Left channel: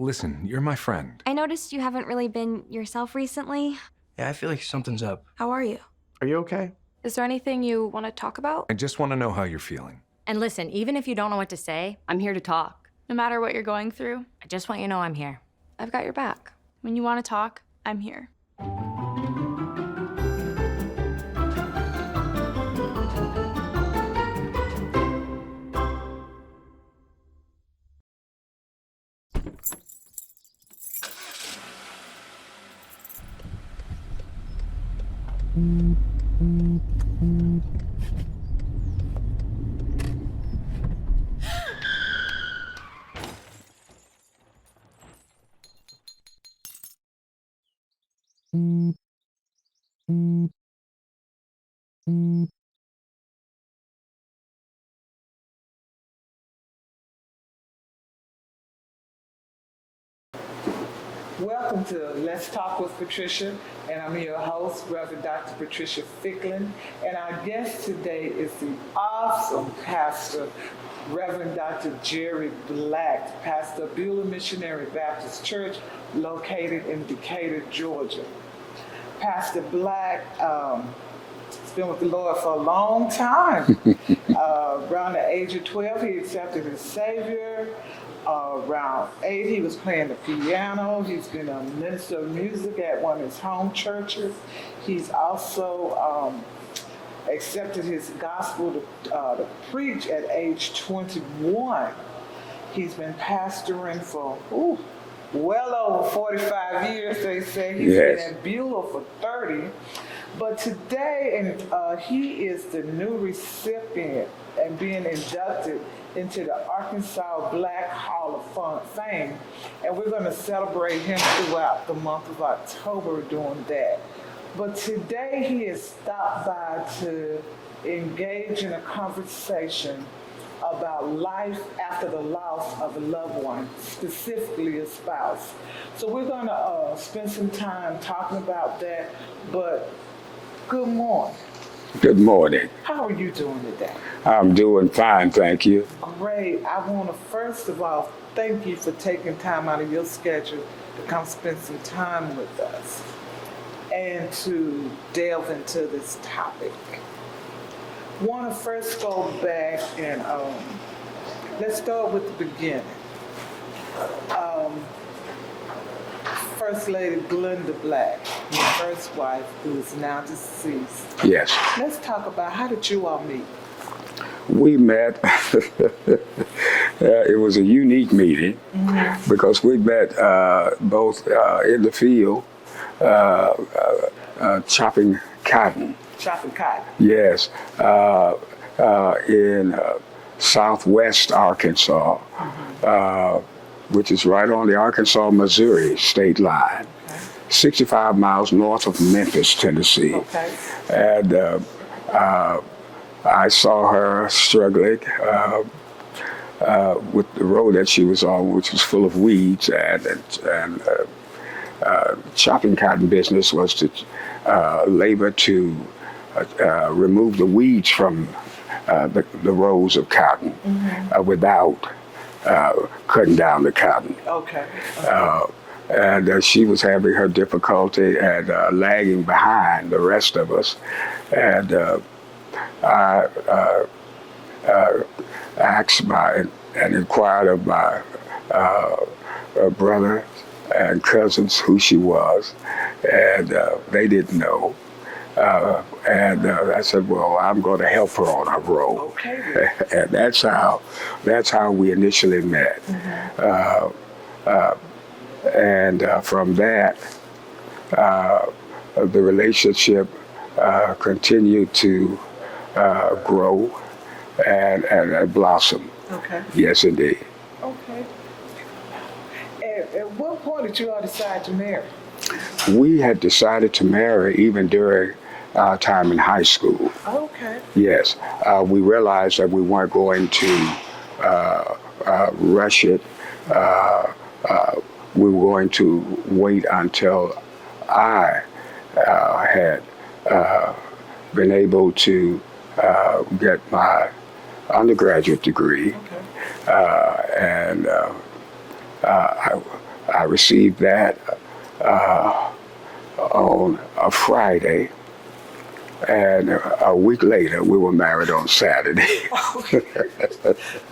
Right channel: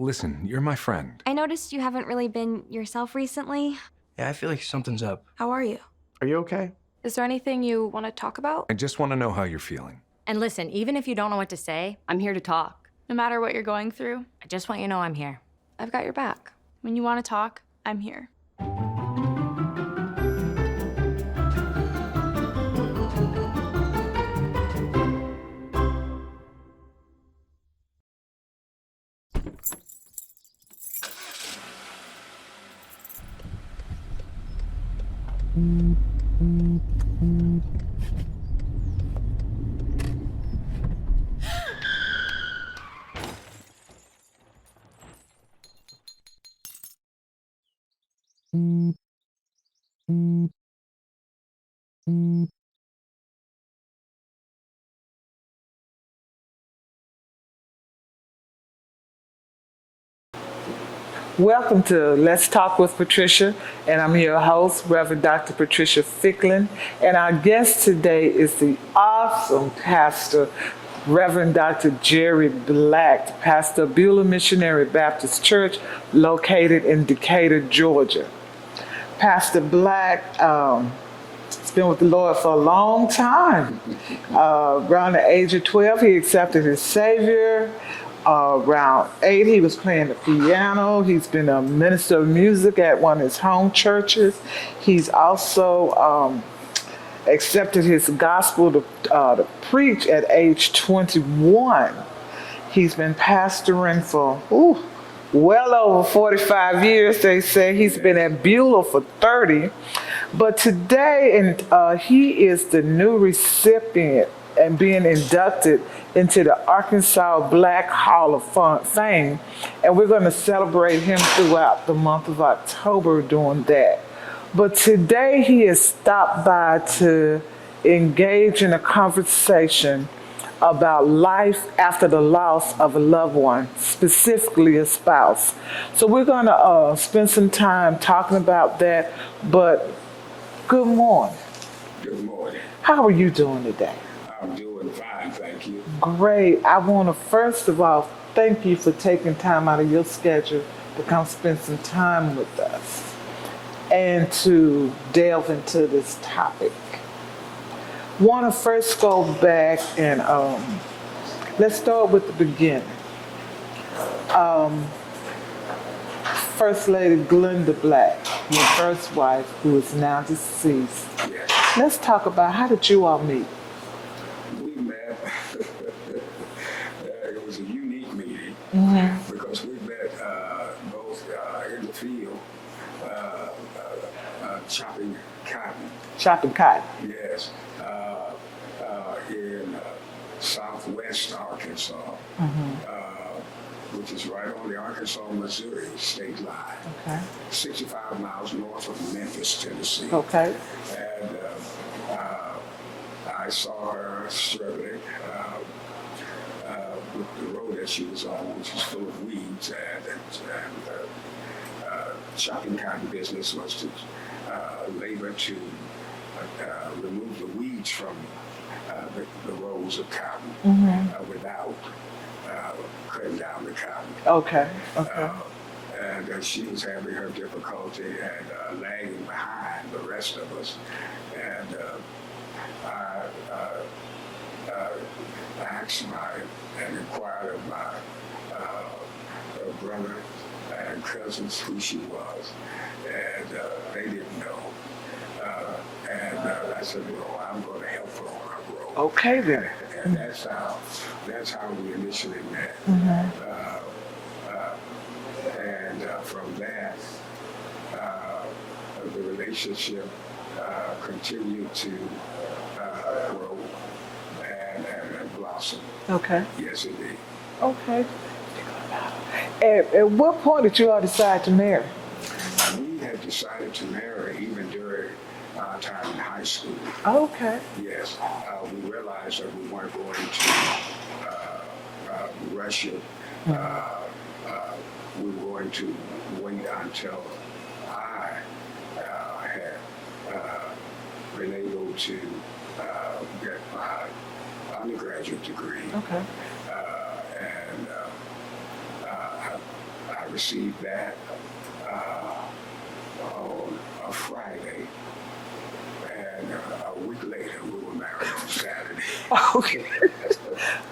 listen, you're my friend. I noticed you haven't really been yourself recently. Yeah, I feel like something's up. How are you? Are you okay? Is there anything you want to talk about? I just want to know how you're feeling. And listen, even if you don't know what to say, I'm here to talk. No matter what you're going through, I just want you to know I'm here. I've got your back. when you want to talk, I'm here. Welcome to Let's Talk with Patricia, and I'm your host, Reverend Dr. Patricia Fickling, and our guest today is the awesome pastor, Reverend Dr. Jerry D, pastor of Beulah Missionary Baptist Church, located in Decatur, Georgia. Pastor Black has been with the Lord for a long time. Around the age of 12, he accepted his Savior. Around 8, he was playing the piano. He's been a minister of music at one of his home churches. He's also accepted his gospel to preach at age 21. He's been pastoring for well over 45 years, they say. He's been at Beulah for 30. But today, he is the new recipient and being inducted into the Arkansas Black Hall of Fame. And we're going to celebrate him throughout the month of October doing that. But today he has stopped by to engage in a conversation about life after the loss of a loved one, specifically a spouse. So we're going to spend some time talking about that. But good morning. Good morning. How are you doing today? I'm doing fine, thank you. Great. I want to first of all thank you for taking time out of your schedule to come spend some time with us and to delve into this topic. Want to first go back and let's start with the beginning. First Lady Glenda Black, your first wife, who is now deceased. Yes. Let's talk about, how did you all meet? We met, it was a unique meeting because we met both in the field chopping cotton. Chopping cotton? Yes, in southwest Arkansas, which is right on the Arkansas-Missouri state line, 65 miles north of Memphis, Tennessee. Okay. And I saw her struggling with the road that she was on, which was full of weeds, and chopping cotton business was to labor to remove the weeds from the rows of cotton without cutting down the cotton. Okay. And she was having her difficulty and lagging behind the rest of us. And I asked and inquired of my brother and cousins who she was, and they didn't know. And I said, well, I'm going to help her on her road. Okay, then. And that's how we initially met. And from that, the relationship continued to grow and blossom. Okay. Yes, indeed. Okay. At what point did you all decide to marry? We had decided to marry even during our time in high school. Okay. Yes. We realized that we weren't going to rush it. We were going to wait until I had been able to get my undergraduate degree. Okay. I received that on a Friday, and a week later we were married on Saturday. Okay.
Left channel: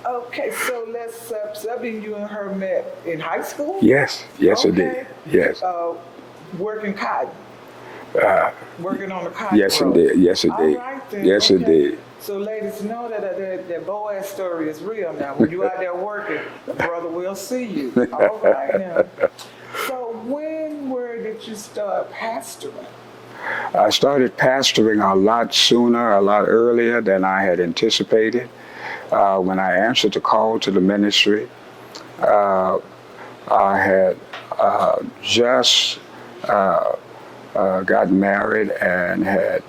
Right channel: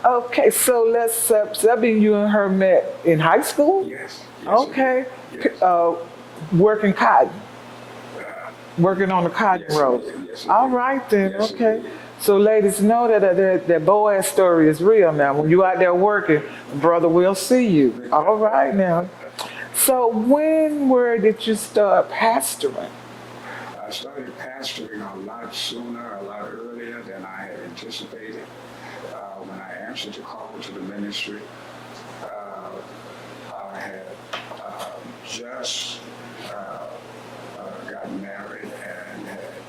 Okay, so so that means you and her met in high school? Yes, yes, Okay. it did. Yes, Working cotton. Working on the cotton yes, it row. did. Yes, it All did. right then. Yes, it okay. did. So ladies, know that Boaz story is real now. When you out there working, brother will see you. All right now. So did you start pastoring? I started pastoring a lot sooner, a lot earlier than I had anticipated. When I answered the call to the ministry, I had just got married and had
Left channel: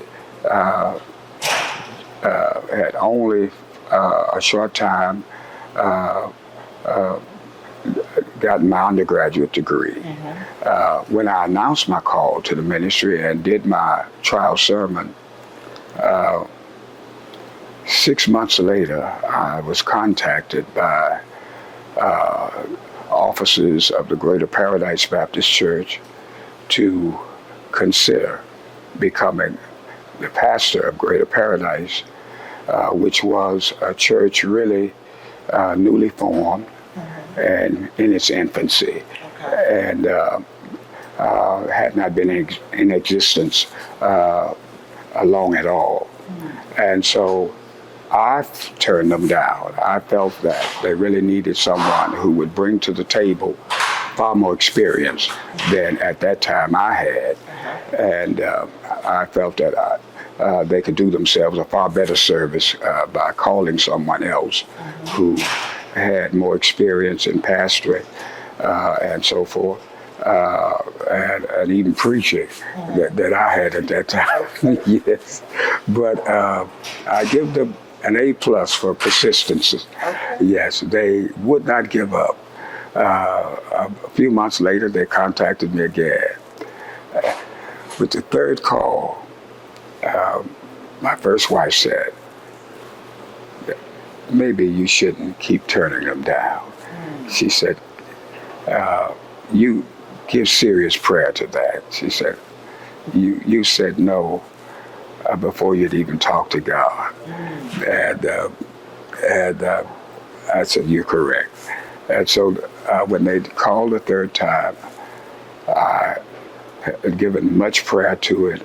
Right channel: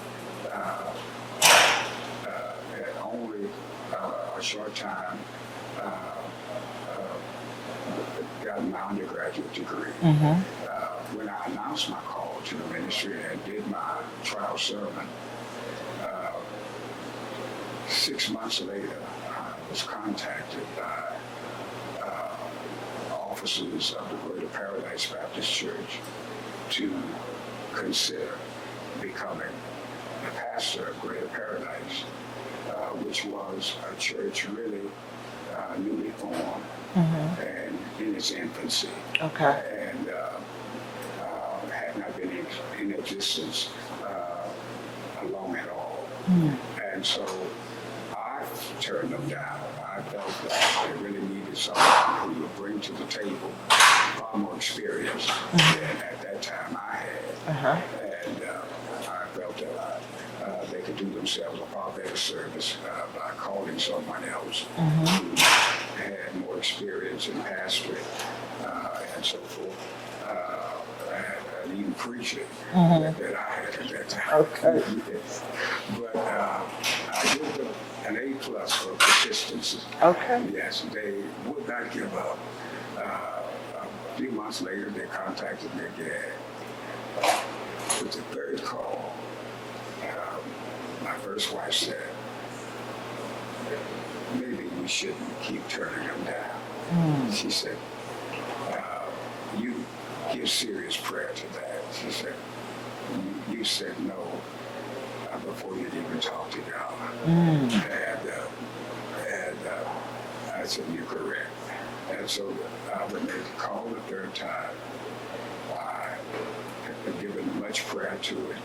only a short time gotten my undergraduate degree. When I announced my call to the ministry and did my trial sermon, 6 months later, I was contacted by officers of the Greater Paradise Baptist Church to consider becoming the pastor of Greater Paradise, which was a church really newly formed and in its infancy, and had not been in existence long at all. And so I turned them down. I felt that they really needed someone who would bring to the table far more experience than at that time I had. And I felt that they could do themselves a far better service by calling someone else who had more experience in pastoring and so forth, and even preaching that I had at that time. Yes, but I give them an A+ for persistence. Yes, they would not give up. A few months later, they contacted me again. With the third call, my first wife said, maybe you shouldn't keep turning them down. She said, you give serious prayer to that. She said, you said no before you'd even talked to God. And I said, you're correct. And so when they called the third time, I had given much prayer to it.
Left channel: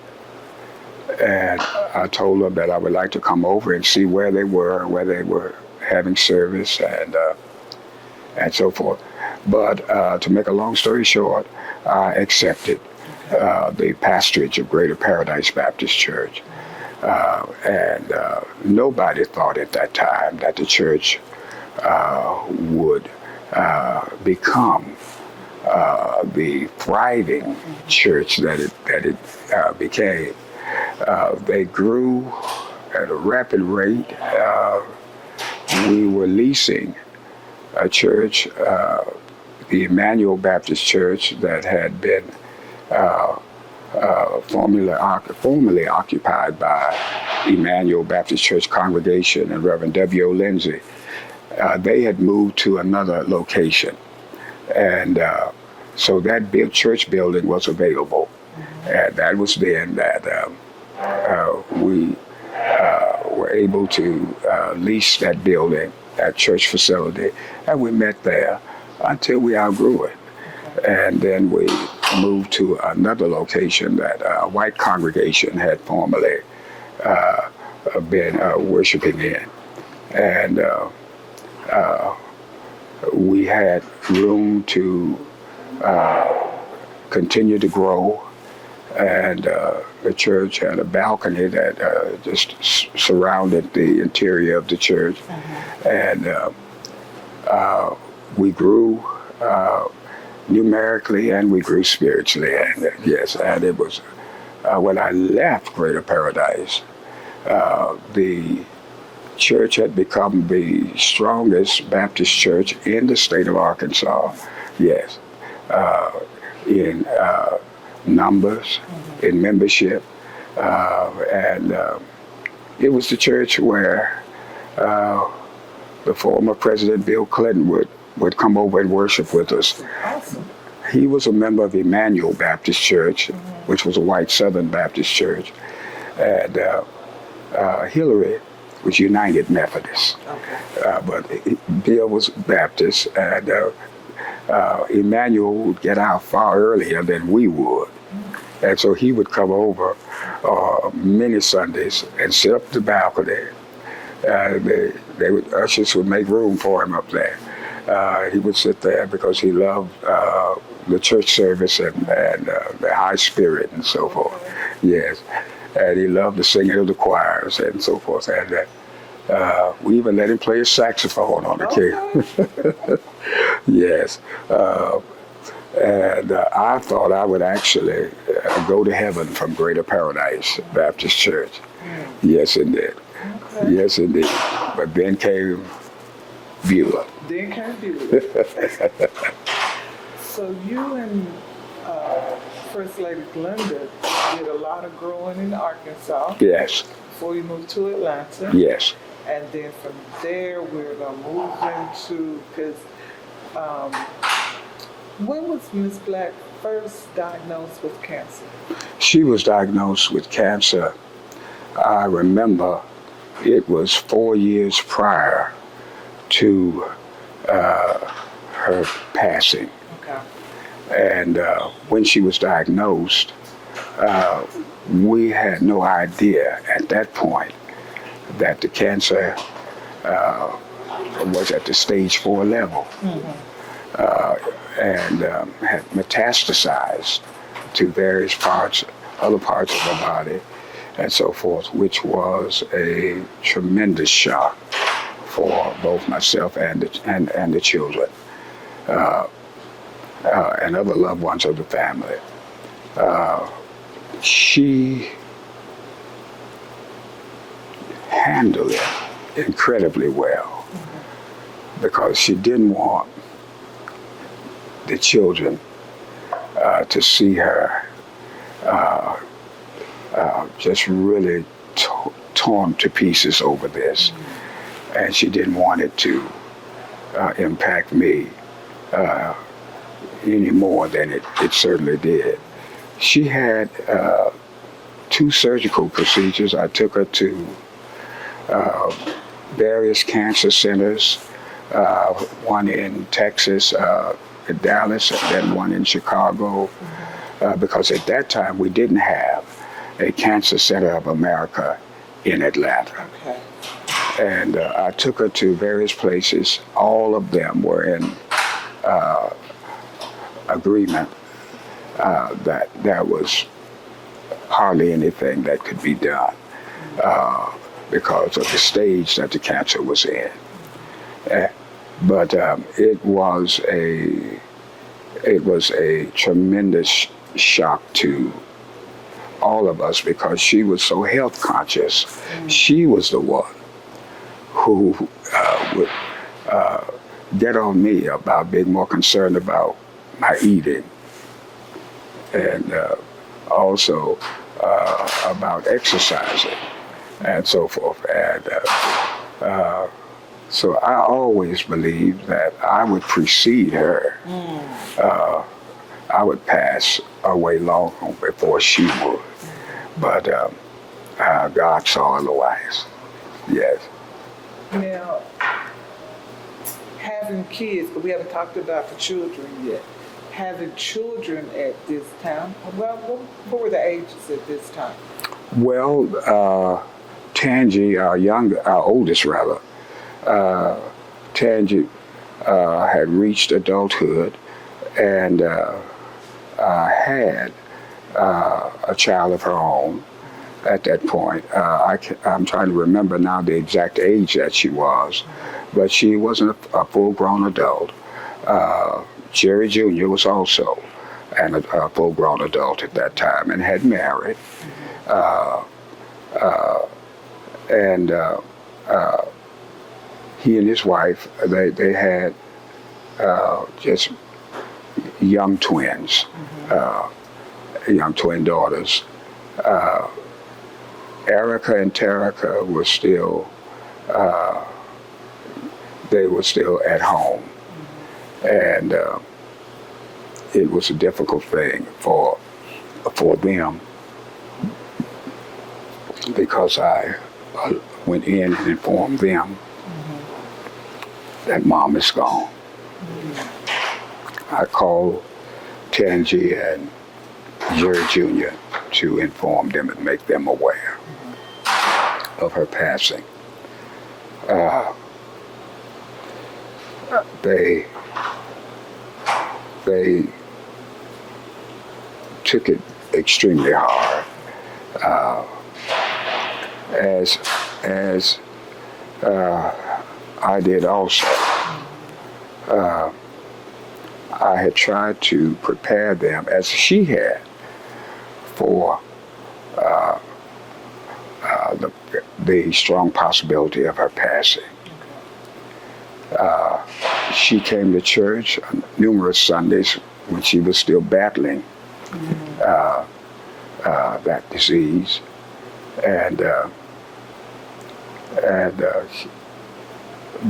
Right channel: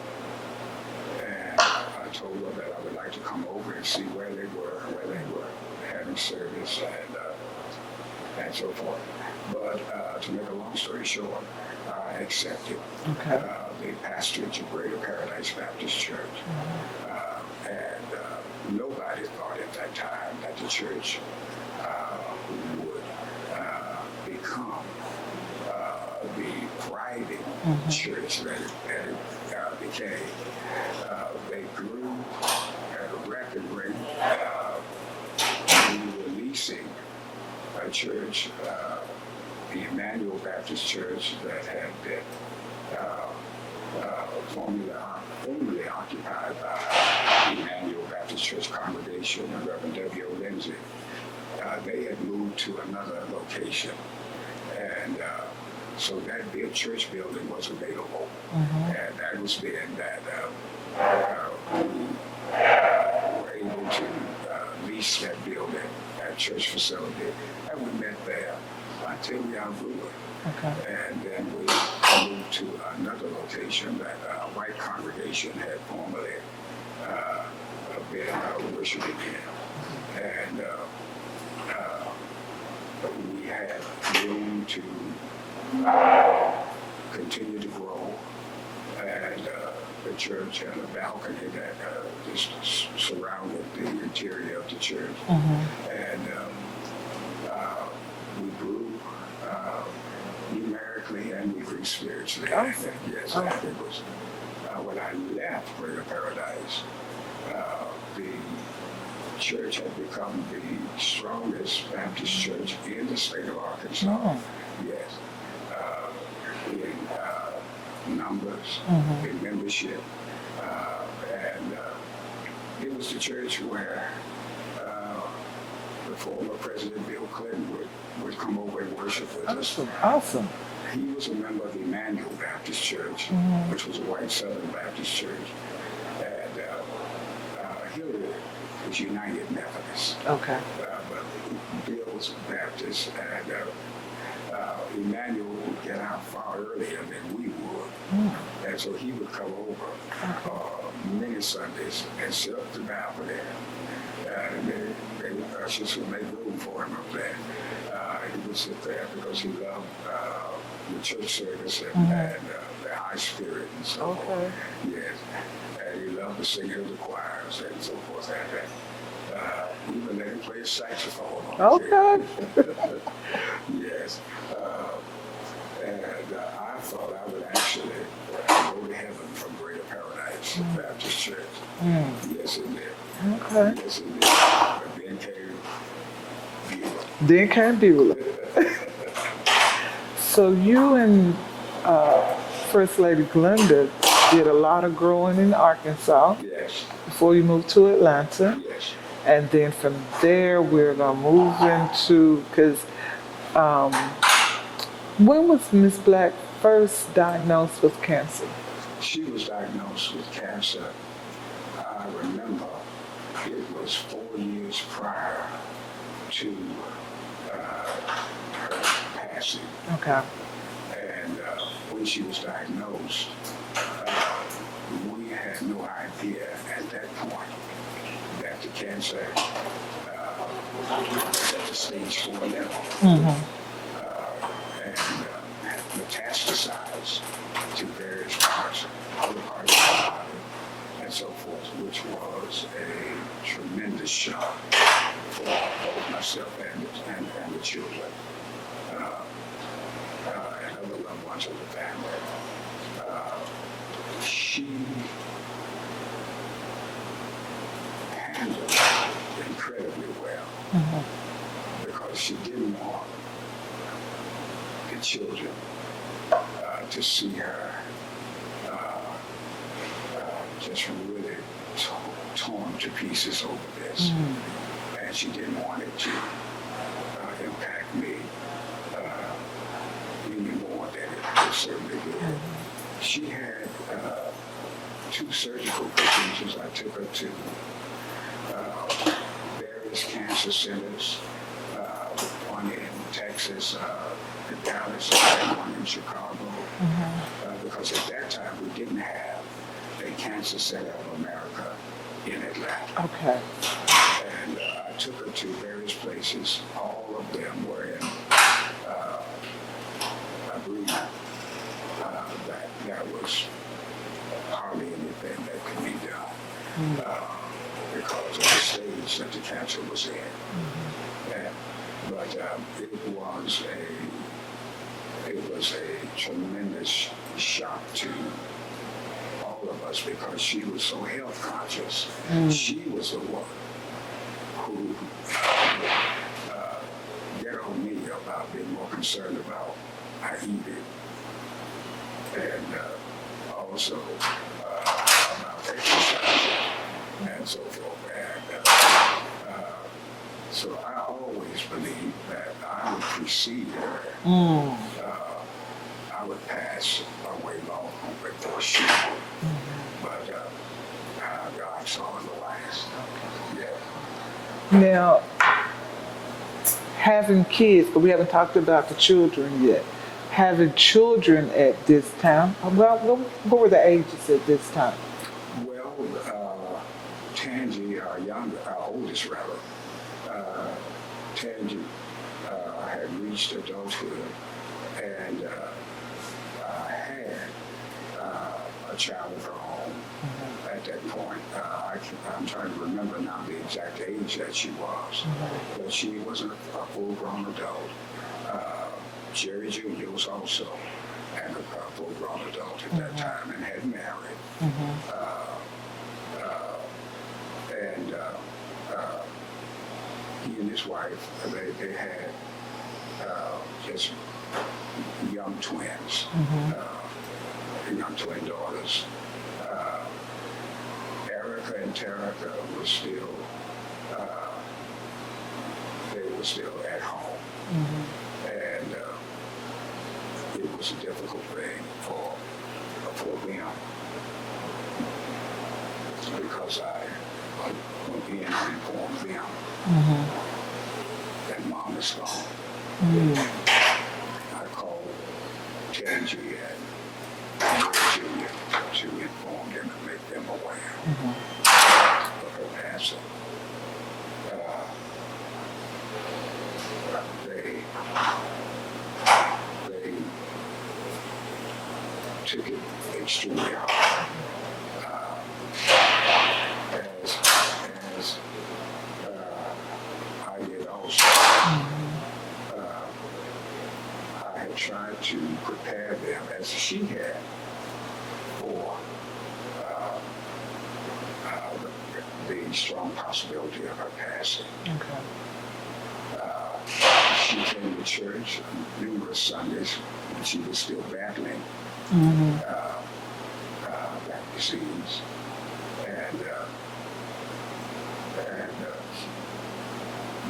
And I told them that I would like to come over and see where they were having service and so forth. But to make a long story short, I accepted the pastorage of Greater Paradise Baptist Church. And nobody thought at that time that the church would become the thriving church that it became. They grew at a rapid rate. We were leasing a church, the Emmanuel Baptist Church, that had been formerly occupied by Emmanuel Baptist Church congregation and Reverend W.O. Lindsay. They had moved to another location, and so that church building was available. And that was then that we were able to lease that building, that church facility, and we met there until we outgrew it. And then we moved to another location that a white congregation had formerly been worshiping in. And we had room to continue to grow. And the church had a balcony that just surrounded the interior of the church. And we grew numerically and we grew spiritually. And yes, and it was when I left Greater Paradise, the church had become the strongest Baptist church in the state of Arkansas. Yes, in numbers, in membership, and it was the church where the former President Bill Clinton would come over and worship with us. Awesome. he was a member of Emmanuel Baptist Church, which was a white Southern Baptist church, and Hillary was United Methodist. Okay. But Bill was Baptist, and Emmanuel would get out far earlier than we would. And so he would come over many Sundays and sit up the balcony. Ushers would make room for him up there. He would sit there because he loved the church service and the high spirit and so forth. Yes. And he loved the singing of the choirs and so forth. And we even let him play his saxophone on the key. Yes. And I thought I would actually go to heaven from Greater Paradise Baptist Church. Yes, indeed. Okay. Yes, indeed. But then came Beulah. Then came Beulah. So you and First Lady Glenda did a lot of growing in Arkansas. Yes. Before you moved to Atlanta. Yes. And then from there, we're going to move into, because when was Miss Black first diagnosed with cancer? She was diagnosed with cancer. I remember it was 4 years prior to her passing. Okay. And when she was diagnosed, we had no idea at that point that the cancer was at the stage 4 level. And had metastasized to various parts, other parts of the body, and so forth, which was a tremendous shock for both myself and the children and other loved ones of the family. She handled it incredibly well because she didn't want the children to see her just really torn to pieces over this. And she didn't want it to impact me any more than it certainly did. She had 2 surgical procedures. I took her to various cancer centers, one in Texas, in Dallas, and then one in Chicago, because at that time we didn't have a Cancer Center of America in Atlanta. Okay. And I took her to various places. All of them were in agreement that there was hardly anything that could be done because of the stage that the cancer was in. But it was a tremendous shock to all of us because she was so health conscious. She was the one who would get on me about being more concerned about my eating and also about exercising and so forth. And so I always believed that I would precede her. I would pass away long before she would. But God saw otherwise. Yes. Now, having kids, but we haven't talked about the children yet. Having children at this time, well, what were the ages at this time? Well, Tangi, our oldest rather, Tangi had reached adulthood and had a child of her own at that point. I'm trying to remember now the exact age that she was, but she wasn't a full-grown adult. Jerry Jr. was also a full-grown adult at that time and had married. And he and his wife, they had just young twins, young twin daughters. Erica and Terica were still, they were still at home. And it was a difficult thing for them, because I went in and informed them that Mom is gone. I called Tangi and Jerry Jr. to inform them and make them aware of her passing. They took it extremely hard, as I did also. I had tried to prepare them, as she had, for the strong possibility of her passing. She came to church on numerous Sundays when she was still battling that disease,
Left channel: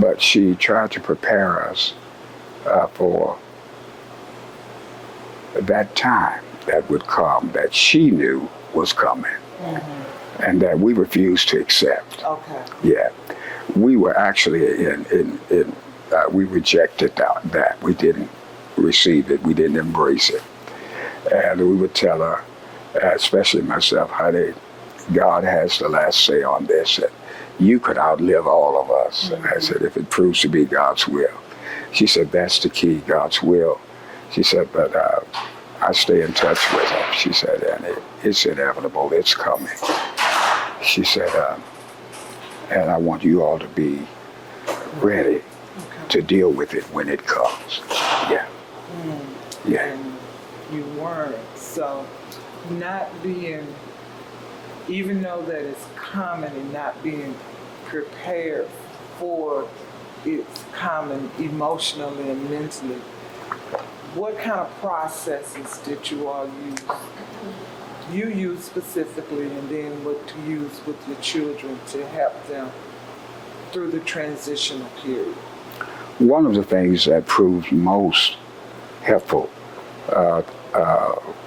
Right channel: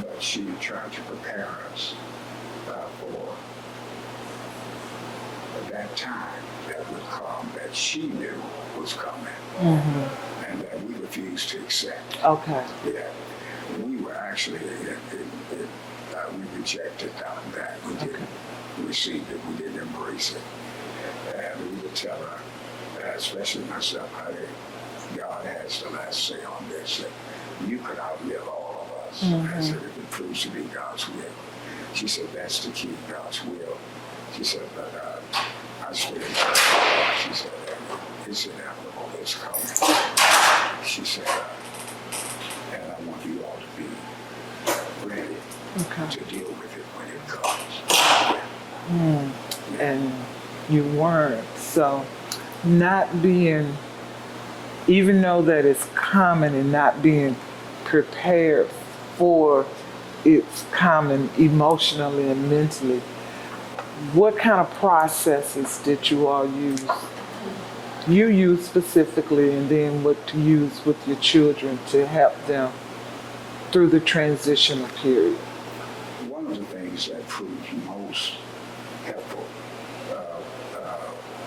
but she tried to prepare us for that time that would come, that she knew was coming, and that we refused to accept. Okay. Yeah, we were actually we rejected that. We didn't receive it. We didn't embrace it. And we would tell her, especially myself, honey, God has the last say on this. And you could outlive all of us. I said, if it proves to be God's will. She said, that's the key, God's will. She said, but I stay in touch with her. She said, and it's inevitable. It's coming. She said, and I want you all to be ready to deal with it when it comes. Yeah. Yeah. And you weren't. So not being, even though that it's common, and not being prepared for its common emotionally and mentally, what kind of processes did you all use? You use specifically, and then what to use with your children to help them through the transitional period? One of the things that proved most helpful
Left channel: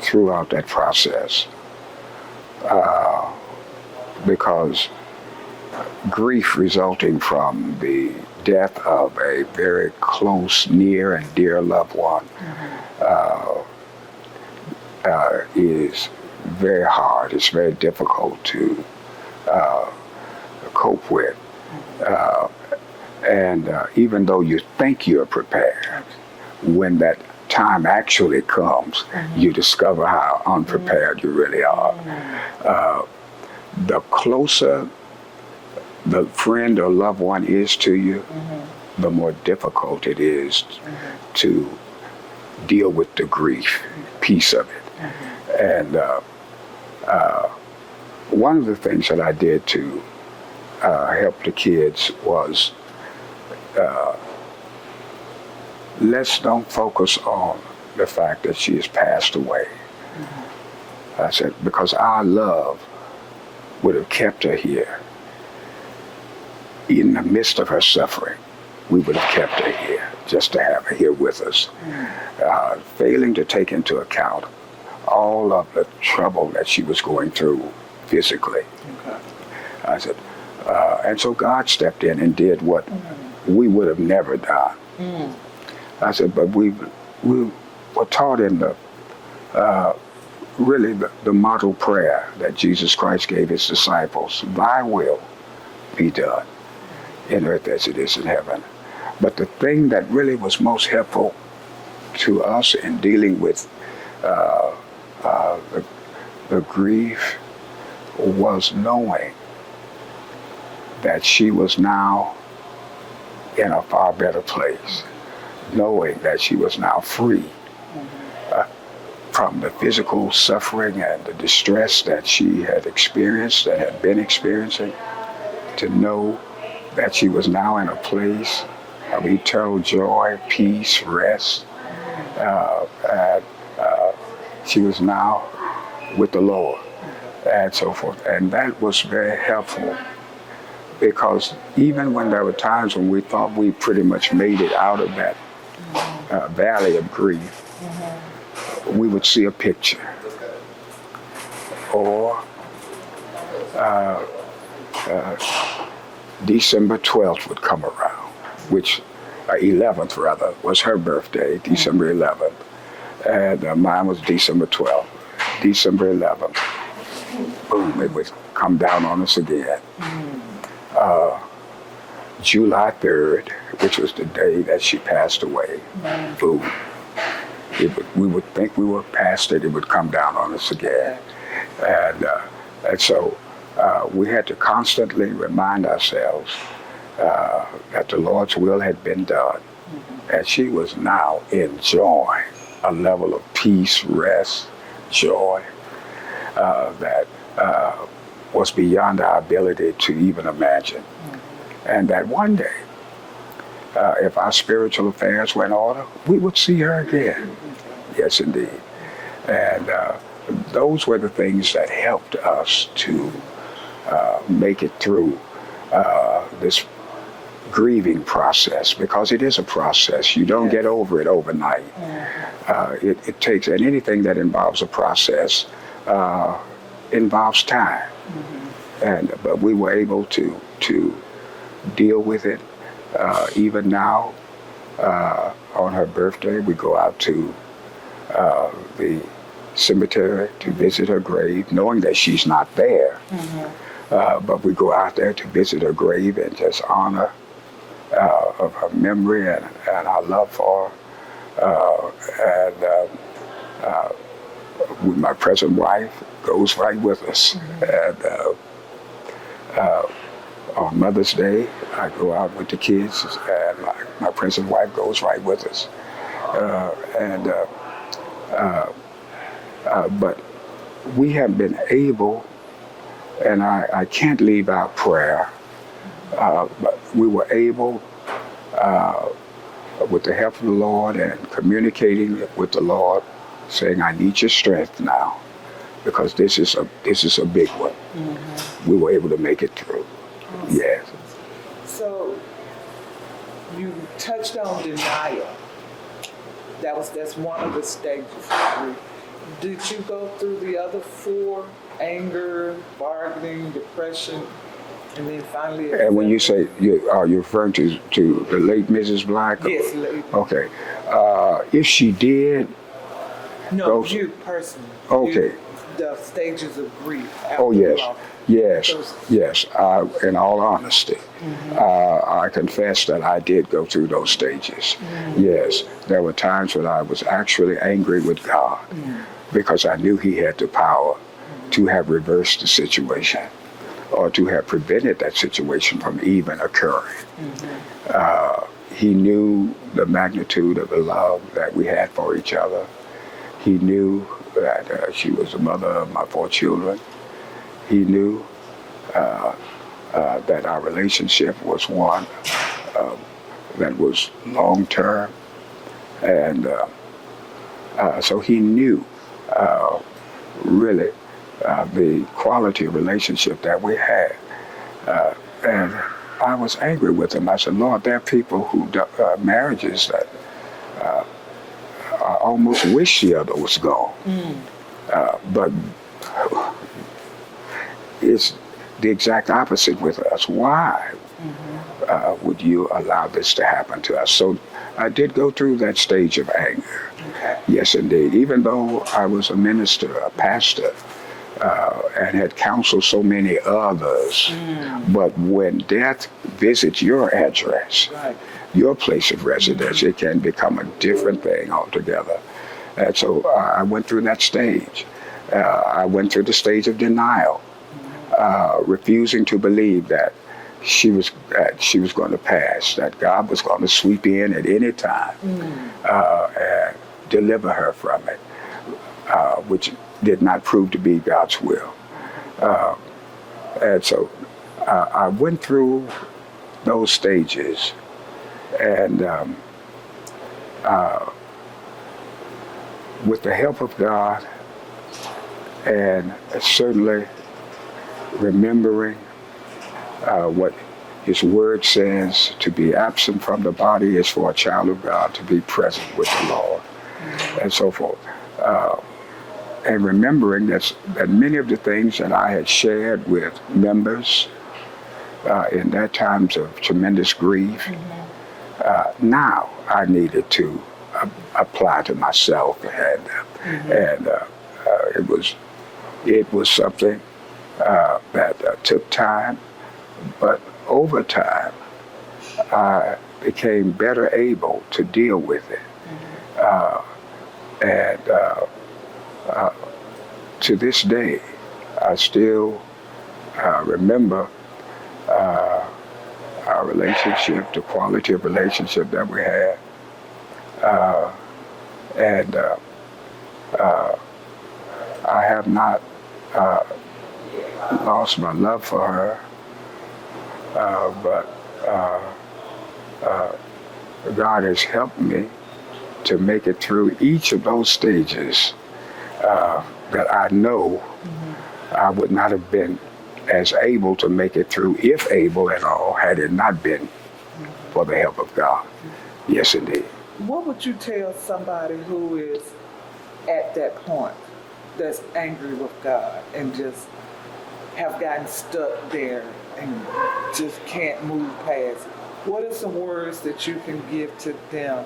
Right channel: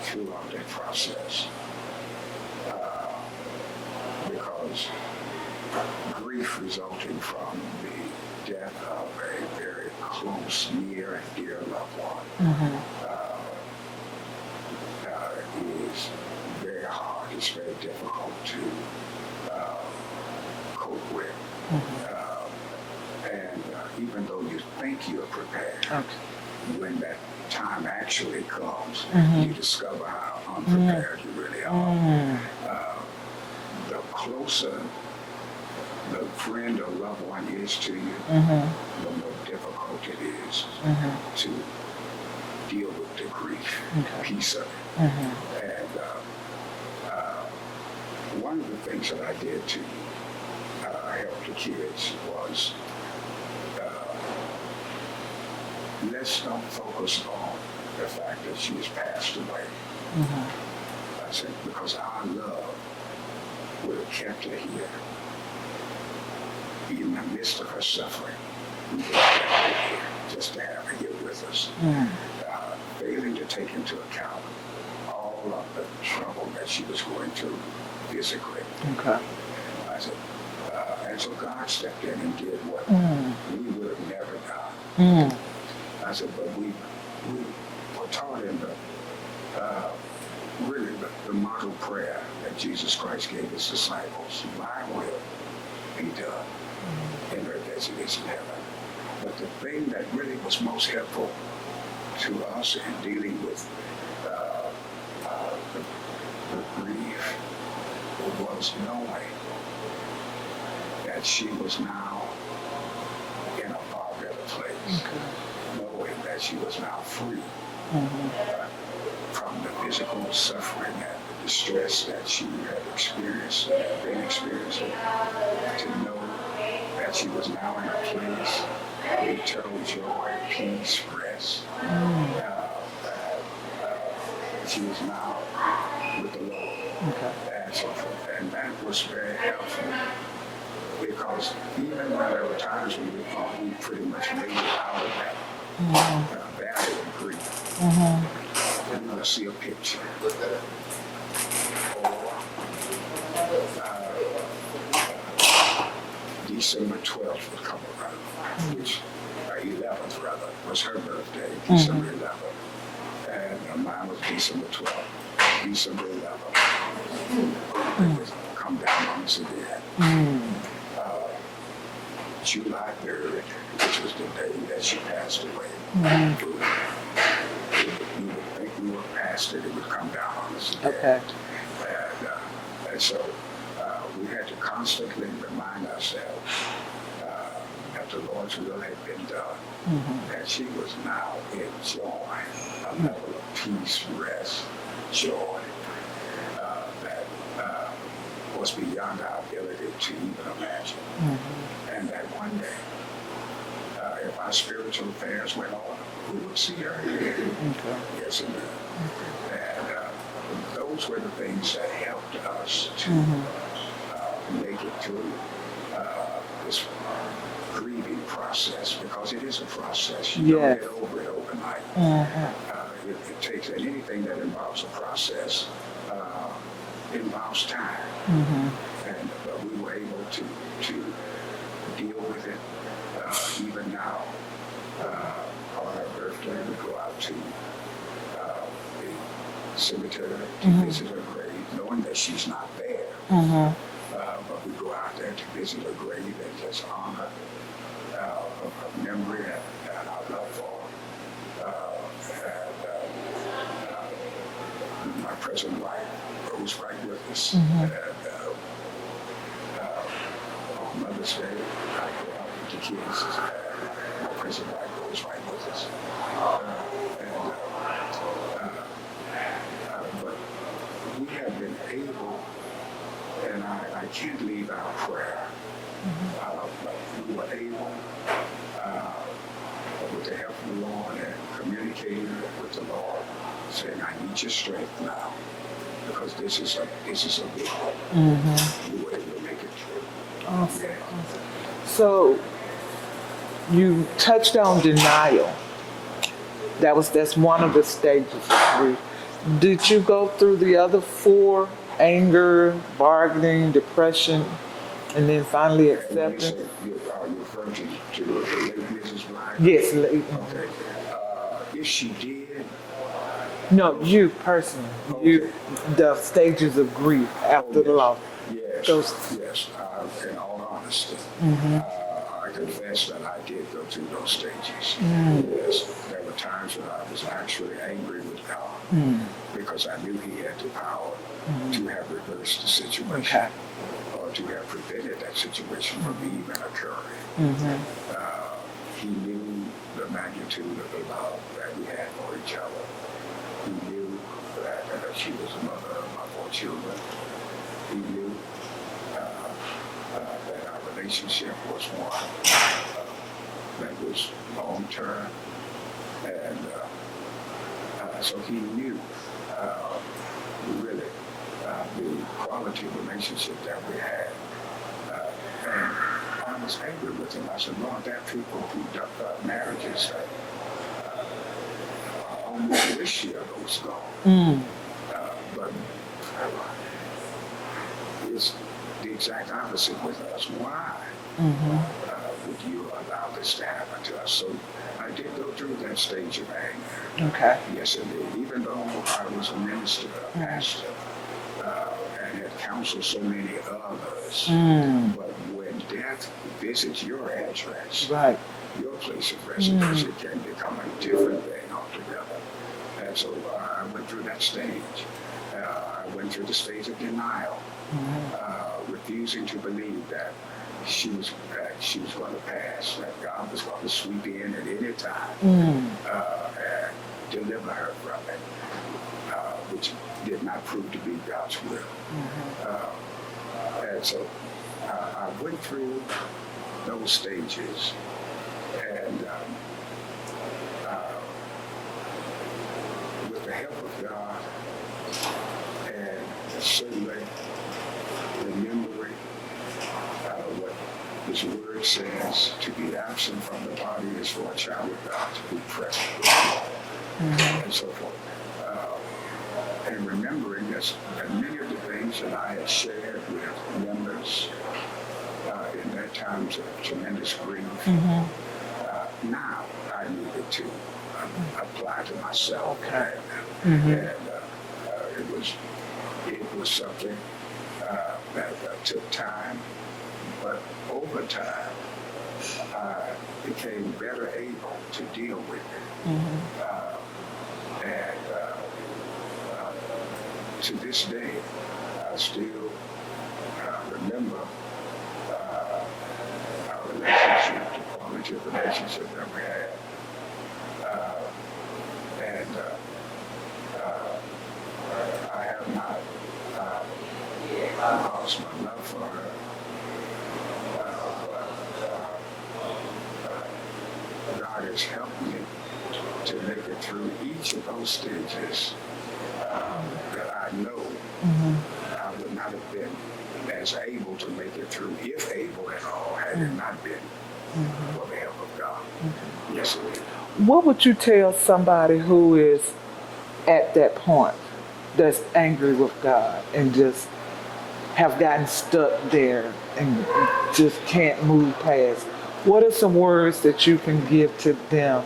throughout that process, because grief resulting from the death of a very close, near, and dear loved one is very hard. It's very difficult to cope with. And even though you think you're prepared, when that time actually comes, you discover how unprepared you really are. The closer the friend or loved one is to you, the more difficult it is to deal with the grief piece of it. And one of the things that I did to help the kids was, let's don't focus on the fact that she has passed away. I said, because our love would have kept her here. In the midst of her suffering, we would have kept her here, just to have her here with us. Failing to take into account all of the trouble that she was going through physically. I said, and so God stepped in and did what we would have never done. I said, but we were taught in the really the model prayer that Jesus Christ gave his disciples: thy will be done in earth as it is in heaven. But the thing that really was most helpful to us in dealing with the grief was knowing that she was now in a far better place, knowing that she was now free from the physical suffering and the distress that she had experienced and had been experiencing, to know that she was now in a place of eternal joy, peace, rest. She was now with the Lord, and so forth. And that was very helpful, because even when there were times when we thought we pretty much made it out of that valley of grief, we would see a picture, or December 12th would come around, which 11th rather was her birthday, December 11th, and mine was December 12th. December 11th, boom, it would come down on us again. July 3rd, which was the day that she passed away, boom. We would think we were past it, it would come down on us again. And so we had to constantly remind ourselves that the Lord's will had been done, and she was now enjoying a level of peace, rest, joy that was beyond our ability to even imagine. And that one day, if our spiritual affairs were in order, we would see her again. Yes, indeed. And those were the things that helped us to make it through this grieving process, because it is a process. You don't get over it overnight. It takes, and anything that involves a process involves time. But we were able to deal with it. Even now, on her birthday, we go out to the cemetery to visit her grave, knowing that she's not there. But we go out there to visit her grave and just honor of her memory and our love for her. My present wife goes right with us. And on Mother's Day, I go out with the kids, and my present wife goes right with us. But we have been able, and I can't leave out prayer, but we were able, with the help of the Lord and communicating with the Lord, saying, I need your strength now, because this is a big one. We were able to make it through. Awesome. Yes. So you touched on denial. That's one of the stages of grief. Did you go through the other 4? Anger, bargaining, depression, and then finally acceptance? And when you say, are you referring to the late Mrs. Black? Yes, late. Okay. If she did. No, those, you personally. Okay. The stages of grief after loss. Yes, Those, yes. In all honesty, I confess that I did go through those stages. Yes, there were times when I was actually angry with God because I knew He had the power to have reversed the situation or to have prevented that situation from even occurring. He knew the magnitude of the love that we had for each other. He knew that she was the mother of my 4 children. He knew that our relationship was one that was long-term. And so he knew really the quality of relationship that we had. And I was angry with him. I said, Lord, there are people who marriages that I almost wish the other was gone. But it's the exact opposite with us. Why would you allow this to happen to us? So I did go through that stage of anger. Okay. Yes, indeed. Even though I was a minister, a pastor, and had counseled so many others, but when death visits your address, your place of residence, it can become a different thing altogether. And so I went through that stage. I went through the stage of denial, refusing to believe that she was going to pass, that God was going to sweep in at any time and deliver her from it, which did not prove to be God's will. And so I went through those stages, and with the help of God, and certainly remembering what His Word says, to be absent from the body is for a child of God to be present with the Lord, and so forth. and remembering that many of the things that I had shared with members in their times of tremendous grief, now I needed to apply to myself, and it was something that took time, but over time I became better able to deal with it, and to this day I still remember our relationship, the quality of relationship that we had, and I have not lost my love for her, but God has helped me to make it through each of those stages that I know I would not have been as able to make it through, if able at all, had it not been for the help of God. Yes, indeed. What would you tell somebody who is at that point, that's angry with God and just have gotten stuck there and just can't move past? What are some words that you can give to them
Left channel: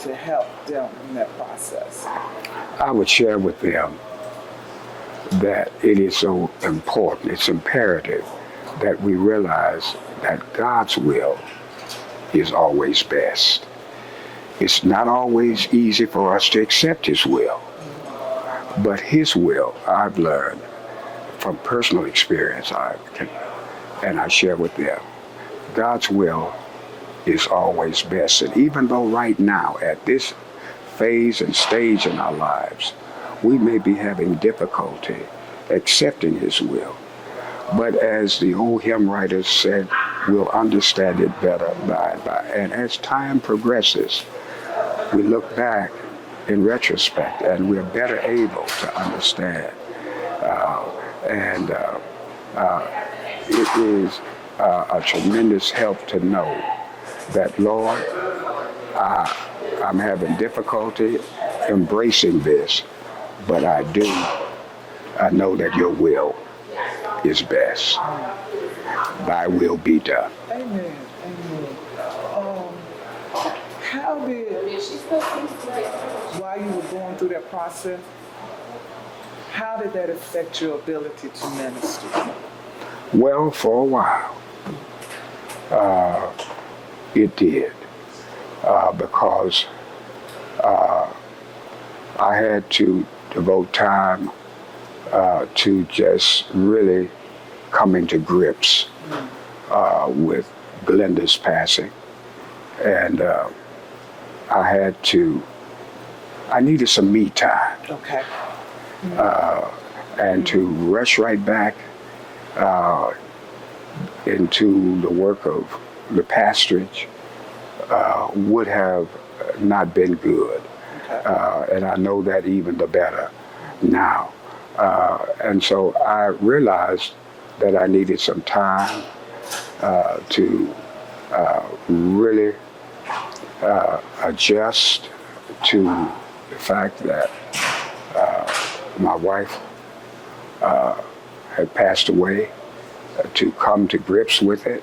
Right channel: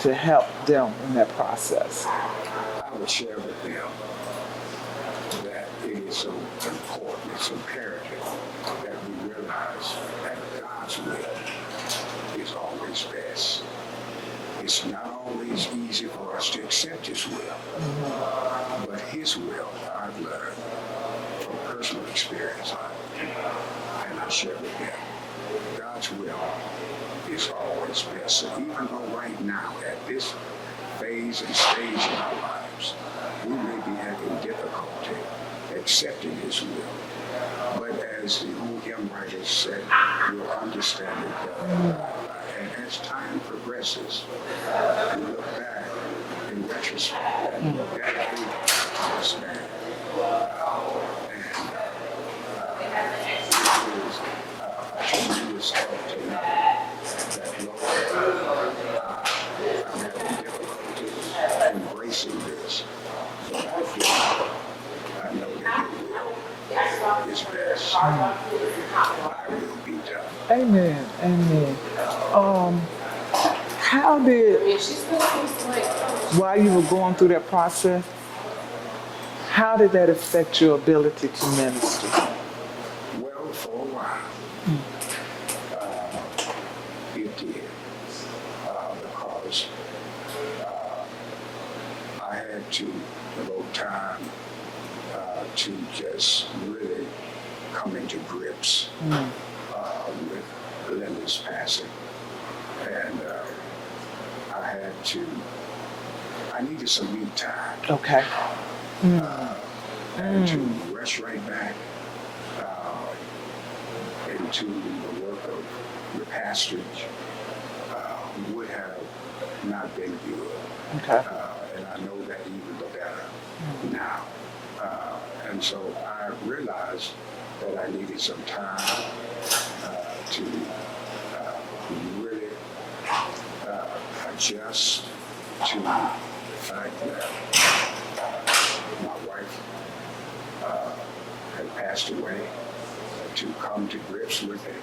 to help them in that process? I would share with them that it is so important, it's imperative that we realize that God's will is always best. It's not always easy for us to accept His will, but His will, I've learned from personal experience, and I share with them, God's will is always best. And even though right now, at this phase and stage in our lives, we may be having difficulty accepting His will, but as the old hymn writers said, we'll understand it better by and by. And as time progresses, we look back in retrospect and we're better able to understand. It is a tremendous help to know that, Lord, I'm having difficulty embracing this, but I know that your will is best. Thy will be done. Amen. Amen. How did, while you were going through that process, how did that affect your ability to minister? Well, for a while, it did, because I had to devote time to just really coming to grips with Glenda's passing. And I needed some me time. Okay. And to rush right back into the work of the pastorage would have not been good. Okay. And I know that even the better now. And so I realized that I needed some time to really adjust to the fact that my wife had passed away, to come to grips with it,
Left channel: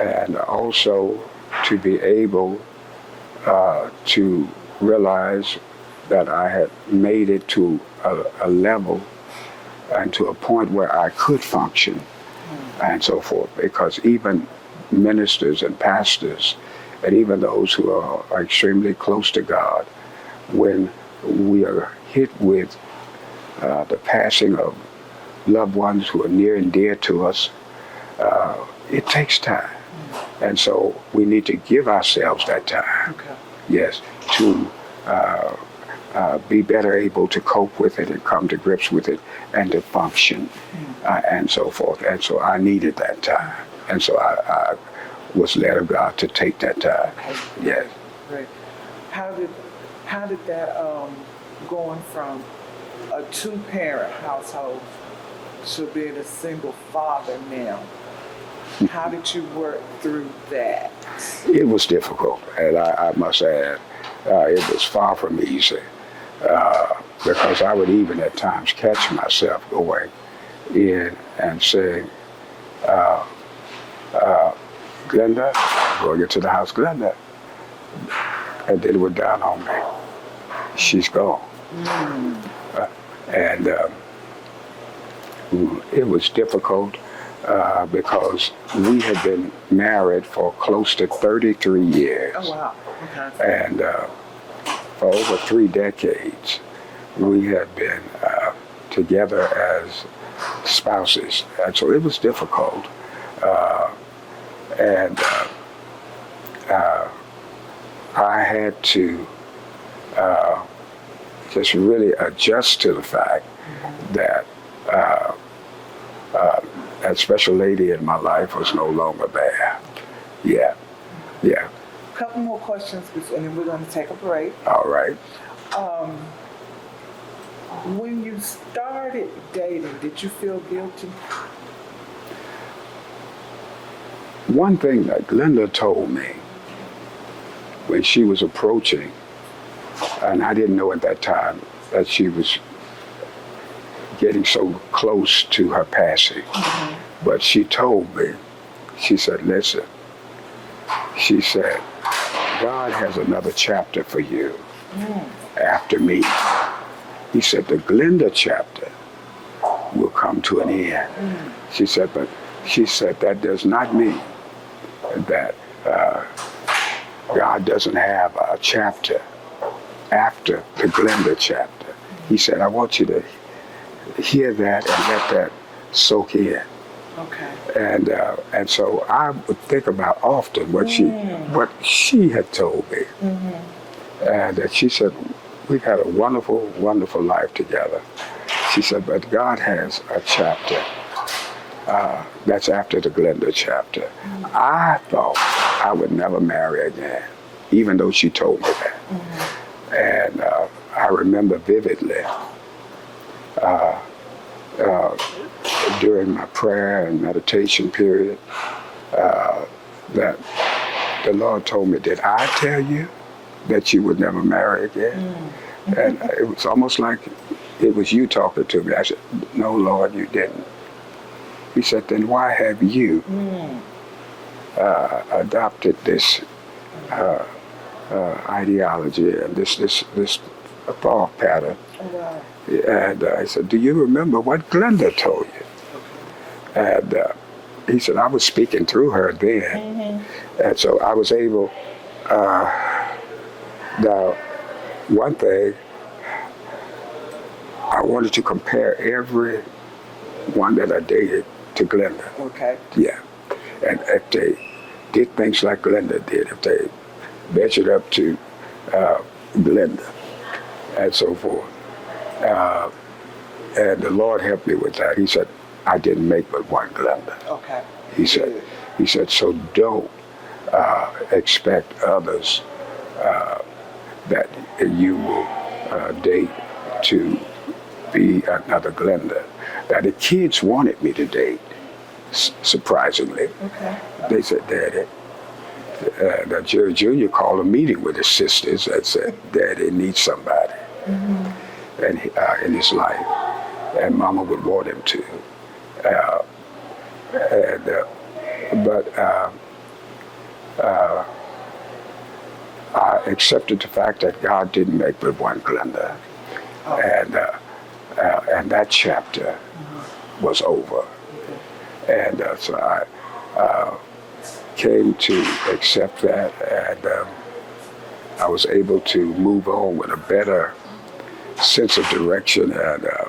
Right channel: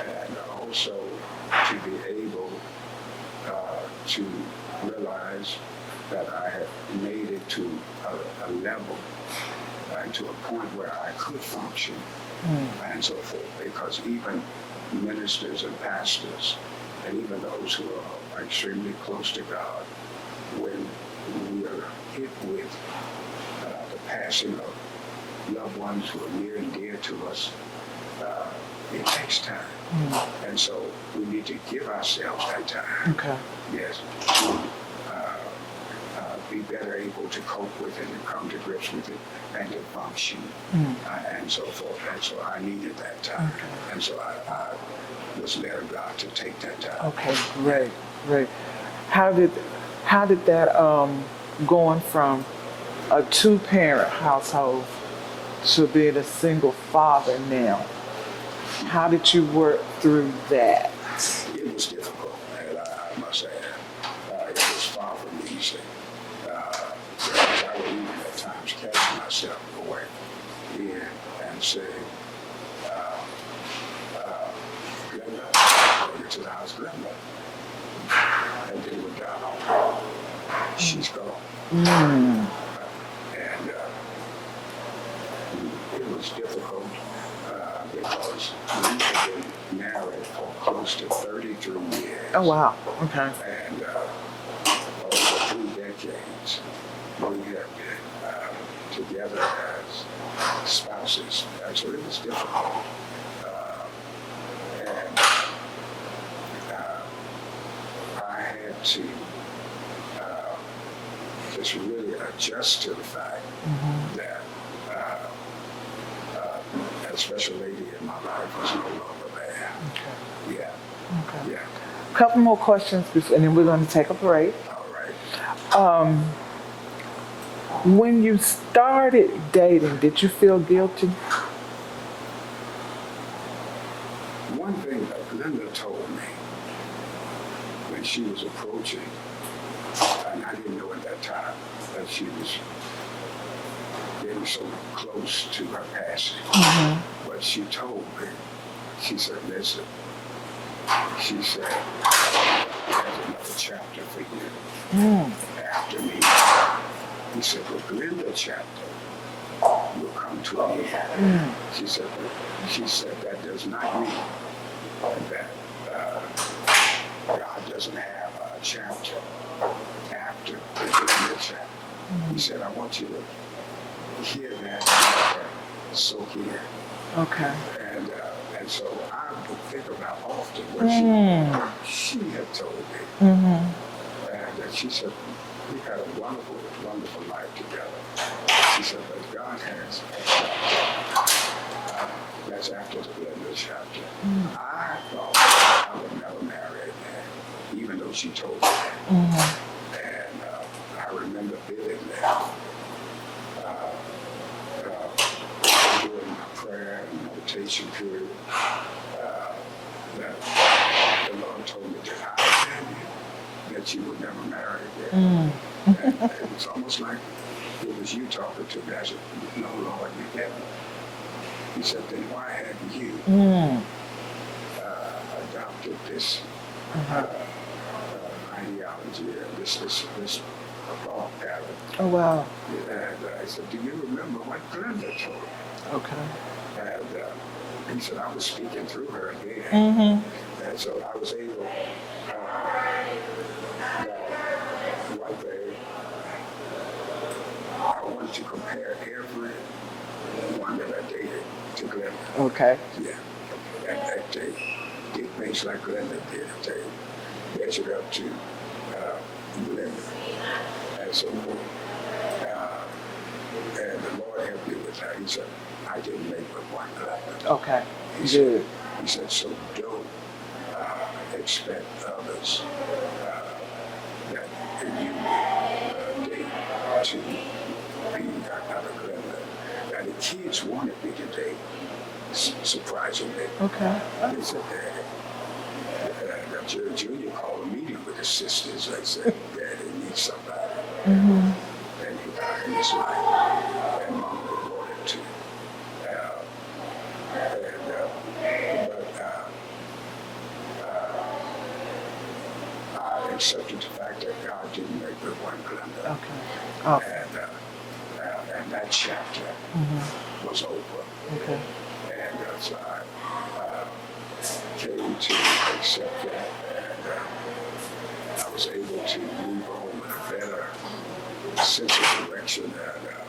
and also to be able to realize that I had made it to a level and to a point where I could function and so forth. Because even ministers and pastors, and even those who are extremely close to God, when we are hit with the passing of loved ones who are near and dear to us, it takes time. And so we need to give ourselves that time. Okay. Yes, to be better able to cope with it and come to grips with it and to function and so forth. And so I needed that time. And so I was led of God to take that time. Okay, great, great. How did that going from a two-parent household to being a single father now, how did you work through that? It was difficult, and I must add, it was far from easy, because I would even at times catch myself going in and saying, Glenda, going into the house, Glenda. And then it would dawn on me, she's gone. And it was difficult because we had been married for close to 33 years. Oh, wow. Okay. And for over 3 decades, we had been together as spouses. And so it was difficult. I had to just really adjust to the fact that that special lady in my life was no longer there. Okay. Yeah. Okay. Yeah. A couple more questions, and then we're going to take a break. All right. When you started dating, did you feel guilty? One thing that Glenda told me when she was approaching, and I didn't know at that time that she was getting so close to her passing, but she told me, she said, listen, she said, God has another chapter for you after me. He said, the Glenda chapter will come to an end. She said, but she said, that does not mean that God doesn't have a chapter after the Glenda chapter. He said, I want you to hear that and let that soak in. Okay. And so I would think about often what she had told me. And that she said, we've had a wonderful, wonderful life together. She said, but God has a chapter that's after the Glenda chapter. I thought I would never marry again, even though she told me that. And I remember vividly during my prayer and meditation period that the Lord told me, did I tell you that you would never marry again? And it was almost like it was you talking to me. I said, no, Lord, you didn't. He said, then why have you adopted this ideology and this thought pattern? Oh, wow. And I said, do you remember what Glenda told you? Okay. And he said, I was speaking through her then. And so I was able, now, one thing, I wanted to compare every one that I dated to Glenda. Okay. Yeah. And if they did things like Glenda did, if they measured up to Glenda and so forth. And the Lord helped me with that. He said, I didn't make but one Glenda. Okay. He said, so don't expect others that you will date to be another Glenda. Now the kids wanted me to date, surprisingly. Okay. They said, Daddy, Jerry Jr. called a meeting with his sisters and said, Daddy needs somebody and in his life, and Mama would want him to. I accepted the fact that God didn't make but one Glenda. Okay. And that chapter was over. Okay. And so I came to accept that, and I was able to move on with a better sense of direction and a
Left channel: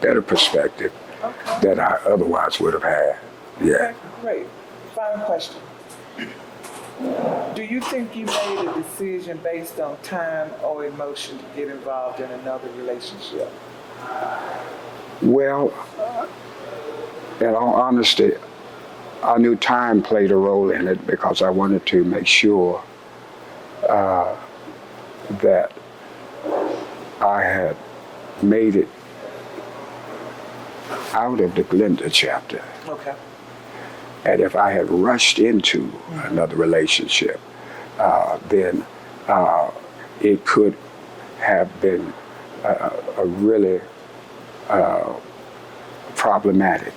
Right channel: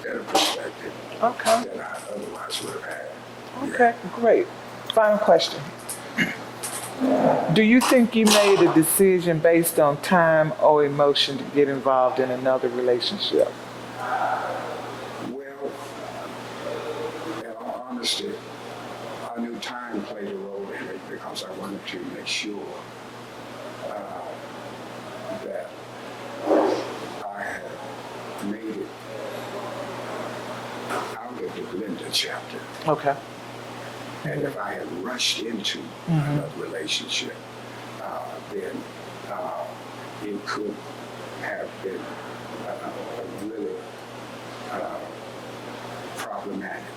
better perspective than I otherwise would have had. Yeah. Okay, great. Final question. Do you think you made a decision based on time or emotion to get involved in another relationship? Well, in all honesty, I knew time played a role in it because I wanted to make sure that I had made it out of the Glenda chapter. Okay. And if I had rushed into another relationship, then it could have been a really problematic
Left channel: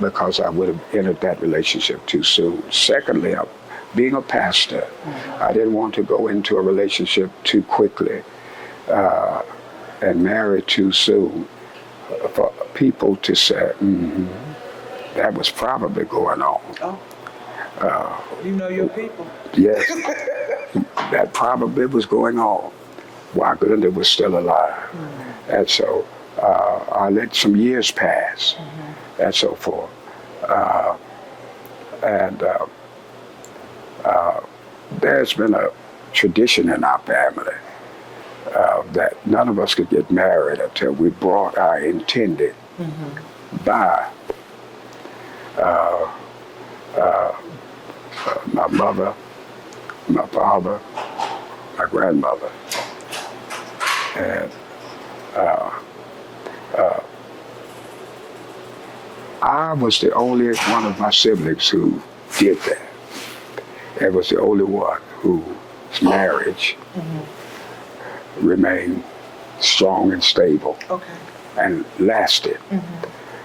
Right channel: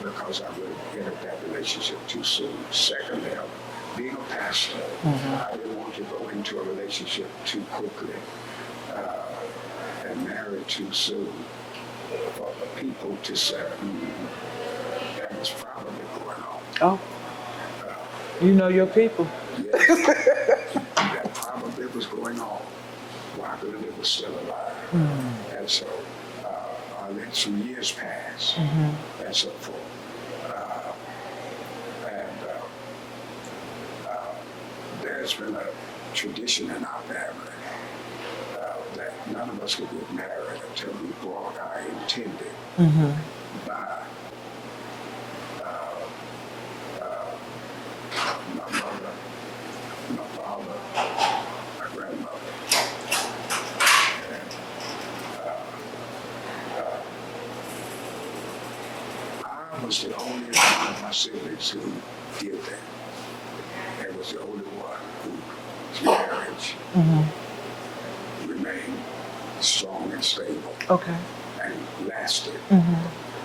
because I would have entered that relationship too soon. Secondly, being a pastor, I didn't want to go into a relationship too quickly and marry too soon for people to say, that was probably going on. Oh. You know your people. Yes, that probably was going on while Glenda was still alive. And so I let some years pass and so forth. There's been a tradition in our family that none of us could get married until we brought our intended by my mother, my father, my grandmother. And I was the only one of my siblings who did that. I was the only one whose marriage remained strong and stable and lasted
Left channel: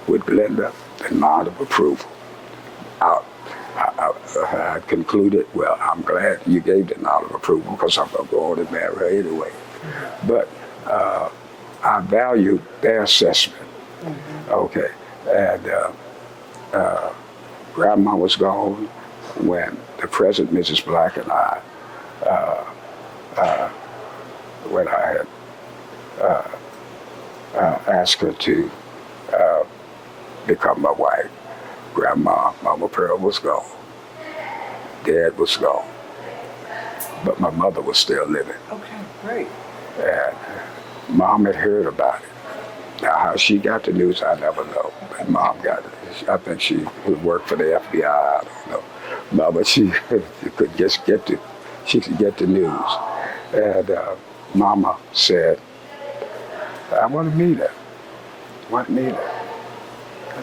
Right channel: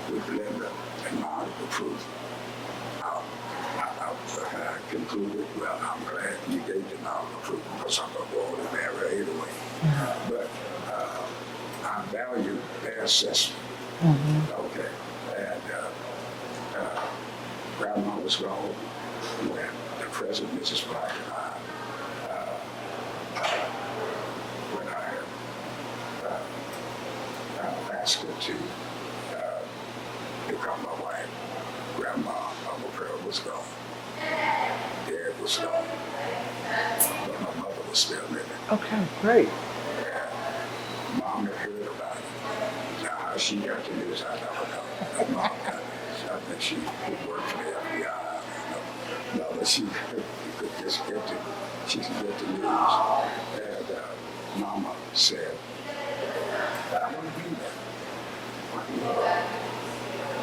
with Glenda and nod of approval. I concluded, well, I'm glad you gave the nod of approval because I'm going to go on and marry her anyway. But I valued their assessment. Okay. And Grandma was gone when the present Mrs. Black and I, when I had asked her to become my wife. Grandma, Mama Pearl was gone. Dad was gone. But my mother was still living. Okay, great. And Mom had heard about it. Now, how she got the news, I never know. But Mom got it. I think she worked for the FBI. I don't know. No, but she could just get the news. And Mama said, I want to meet her. I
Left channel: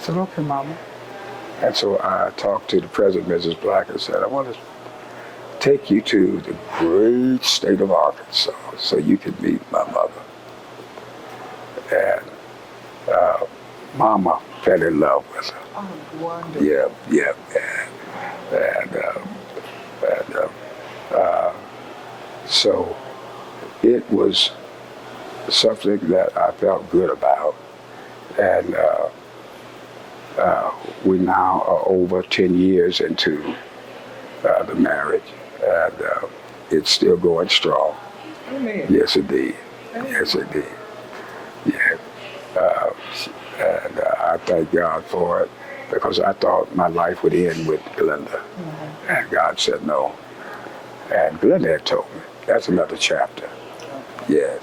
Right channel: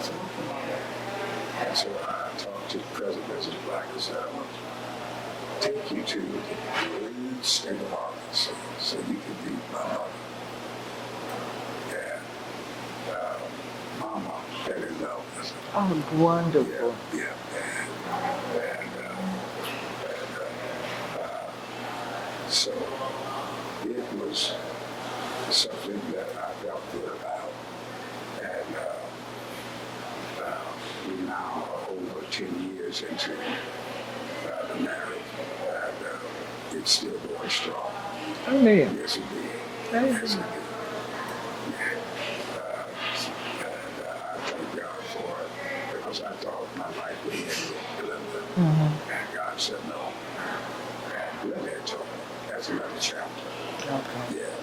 said, okay, Mama. And so I talked to the President, Mrs. Black, and said, I want to take you to the great state of Arkansas so you can meet my mother. And Mama fell in love with her. Oh, wonderful. Yeah. So it was something that I felt good about. And we now are over 10 years into the marriage, and it's still going strong. Amen. Yes, indeed. Yes, indeed. Yeah. And I thank God for it because I thought my life would end with Glenda. And God said no. And Glenda had told me, that's another chapter. Yeah.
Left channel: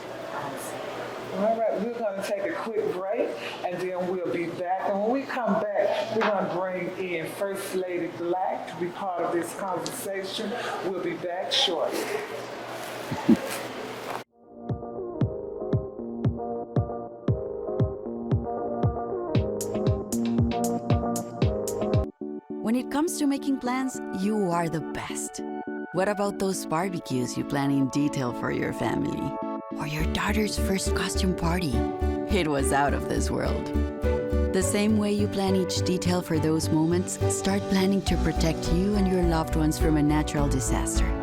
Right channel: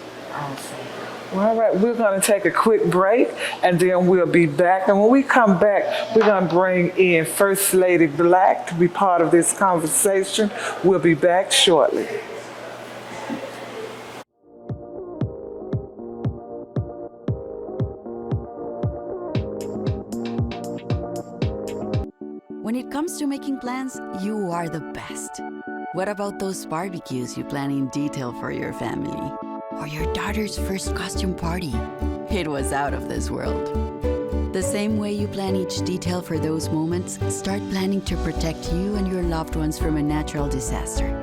Well, all right, we're going to take a quick break, and then we'll be back. And when we come back, we're going to bring in First Lady Black to be part of this conversation. We'll be back shortly. When it comes to making plans, you are the best. What about those barbecues you plan in detail for your family? Or your daughter's first costume party? It was out of this world. The same way you plan each detail for those moments, start planning to protect you and your loved ones from a natural disaster.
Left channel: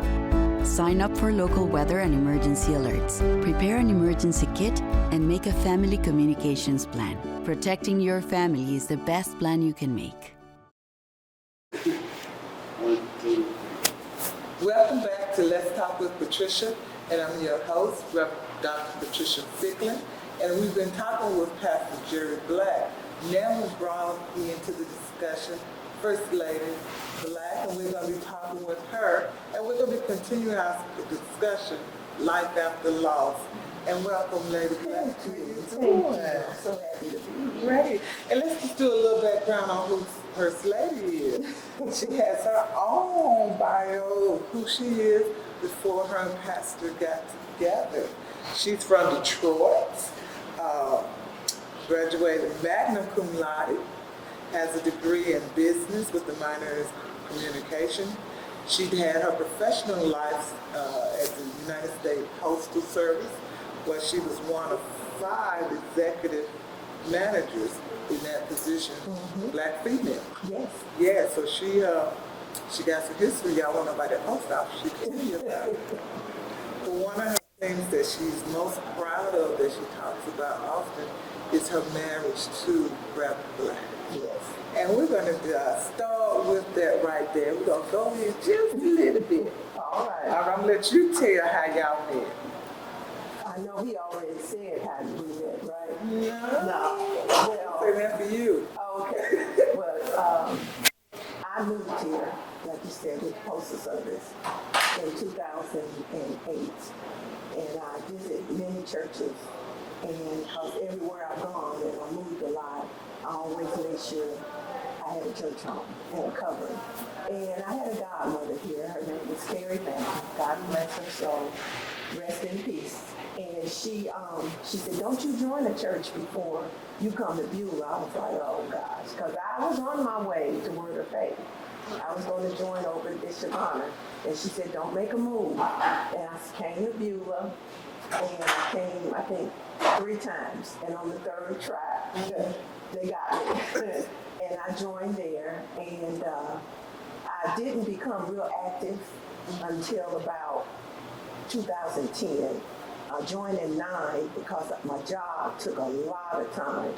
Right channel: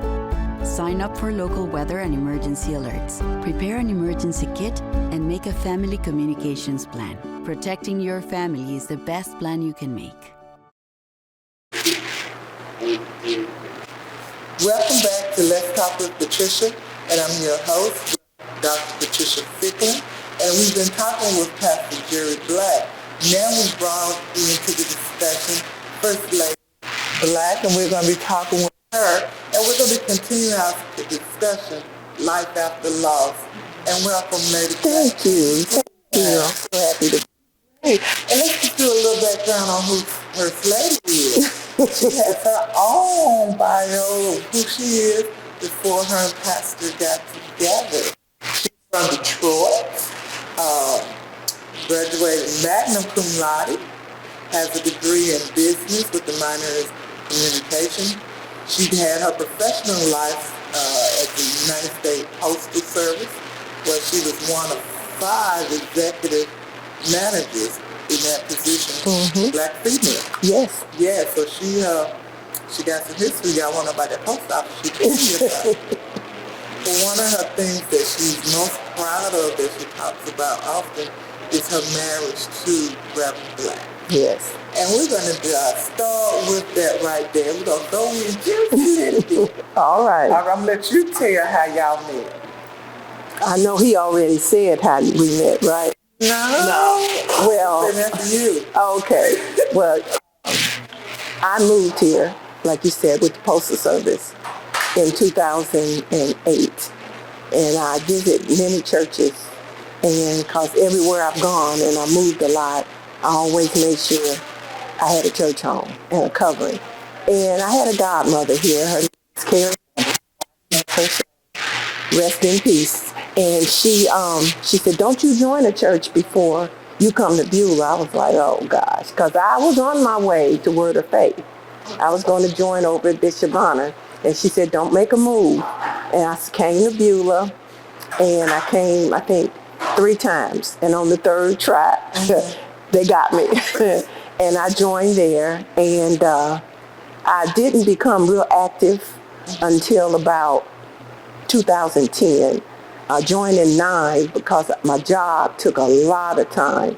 Sign up for local weather and emergency alerts. Prepare an emergency kit and make a family communications plan. Protecting your family is the best plan you can make. Welcome back to Let's Talk with Patricia, and I'm your host, Reverend Dr. Patricia Fickling, and we've been talking with Pastor Jerry Black. Now we've brought into the discussion First Lady Black, and we're going to be talking with her, and we're going to be continuing our discussion, Life After Loss. And welcome, Lady Black. Thank you. I'm so happy to be Great. And let's just do a little background on who First Lady is. She has her own bio of who she is before her and Pastor got together. She's from Detroit, graduated magna cum laude, has a degree in business with a minor in communication. She had her professional life at the United States Postal Service, where she was one of 5 executive managers in that position, black female. Yes. Yeah, so she got some history. Y'all want to know about that post office? She told me about it. But one of her things that she's most proud of, that she talks about often, is her marriage to Reverend Black. Yes. And we're going to start with that right there. We're going to go in just a little bit. All right. I'm going to let you tell how y'all met. I know he already said how we met, right? No. Well, Say that for you. okay. Well, I moved here, like you said, with the Postal Service in 2008. And I visit many churches. And because everywhere I've gone and I moved a lot, I always made sure I had a church home and a covering. And I had a godmother here. Her name was Carrie. God bless her soul. Rest in peace. And she said, don't you join a church before you come to Beulah. I was like, oh gosh, because I was on my way to Word of Faith. I was going to join over at Bishop Bonner. And she said, don't make a move. And I came to Beulah, and I came, I think, 3 times. And on the 3rd try, they got me. And I joined there, and I didn't become real active until about 2010. I joined in 9 because my job took a lot of time.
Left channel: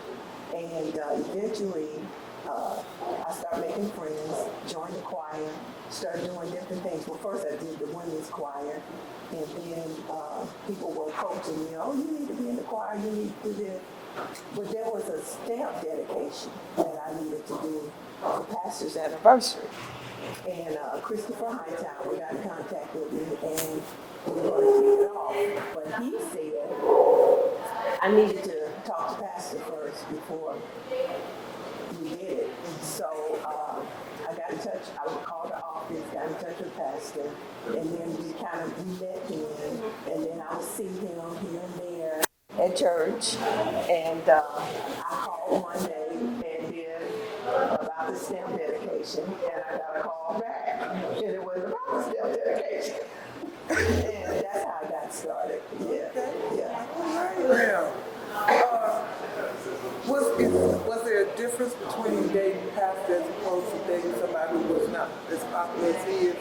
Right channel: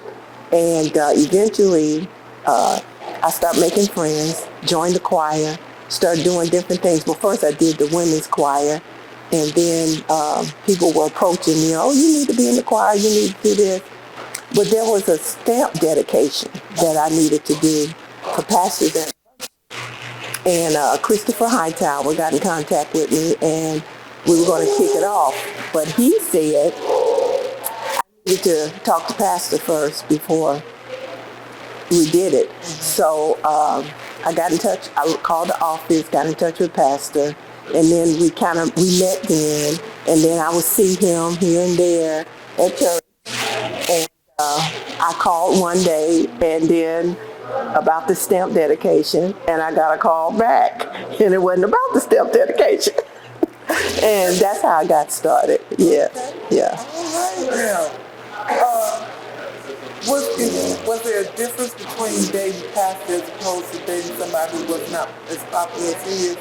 And eventually, I started making friends, joined the choir, started doing different things. Well, first I did the women's choir, and then people were approaching me, oh, you need to be in the choir, you need to do this. But there was a stamp dedication that I needed to do for pastor's anniversary. And Christopher Hightower got in contact with me, and we were going to kick it off. But he said I needed to talk to pastor first before we did it. So I got in touch, I called the office, got in touch with pastor, and then we met then, and then I would see him here and there at church. And I called one day, and then about the stamp dedication, and I got a call back, and it wasn't about the stamp dedication. And that's how I got started. Yeah. Was there a difference between dating pastor as opposed to dating somebody who was not as popular as he is?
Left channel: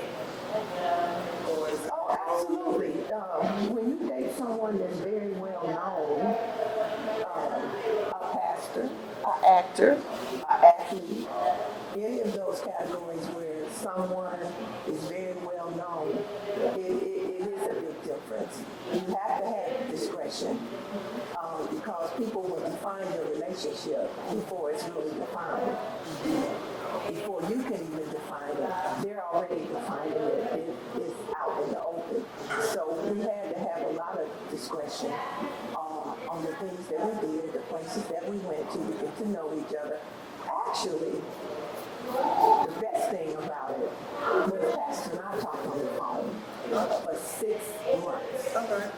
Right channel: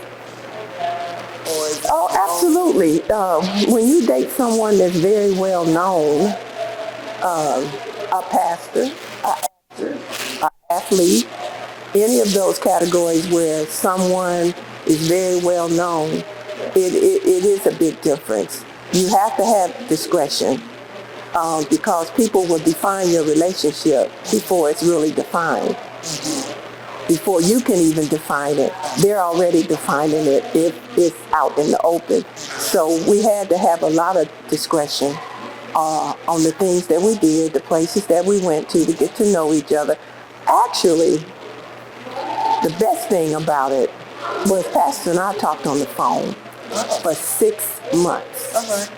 Oh, absolutely. When you date someone that's very well known, a pastor, an actor, an athlete, any of those categories where someone is very well known, it is a big difference. You have to have discretion because people will define your relationship before it's really defined. Before you can even define it, they're already defining it if it's out in the open. So we had to have a lot of discretion on the things that we did, the places that we went to get to know each other. Actually, the best thing about it was Pastor and I talked on the phone for 6 months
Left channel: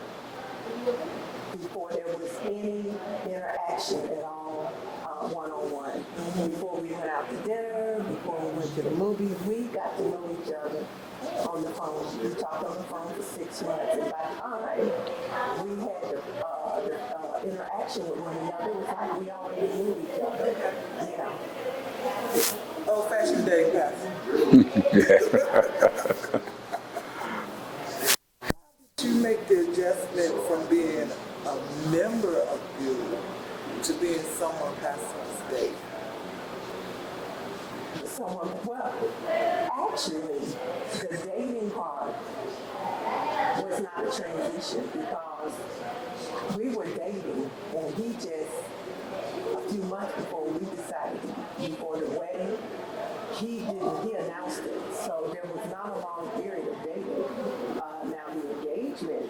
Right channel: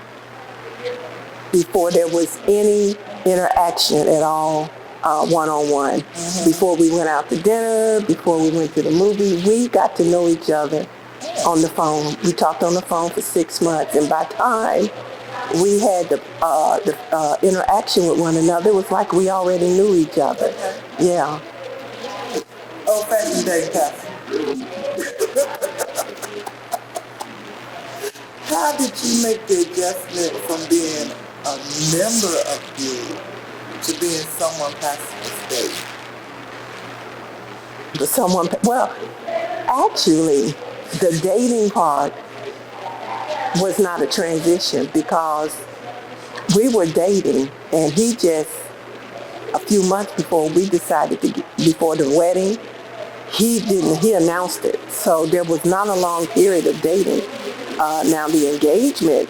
before there was any interaction at all, one-on-one. Before we went out to dinner, before we went to the movies, we got to know each other on the phone. We talked on the phone for 6 months, and by the time we had the interaction with one another, it was like we already knew each other. Yeah. Oh, thank you, Dave Pastor. How did you make the adjustment from being a member of Beulah to being someone passing the stage? Well, actually, the dating part was not a transition because we were dating, and he just, a few months before we decided before the wedding, he announced it. So there was not a long period of dating. Now the engagement,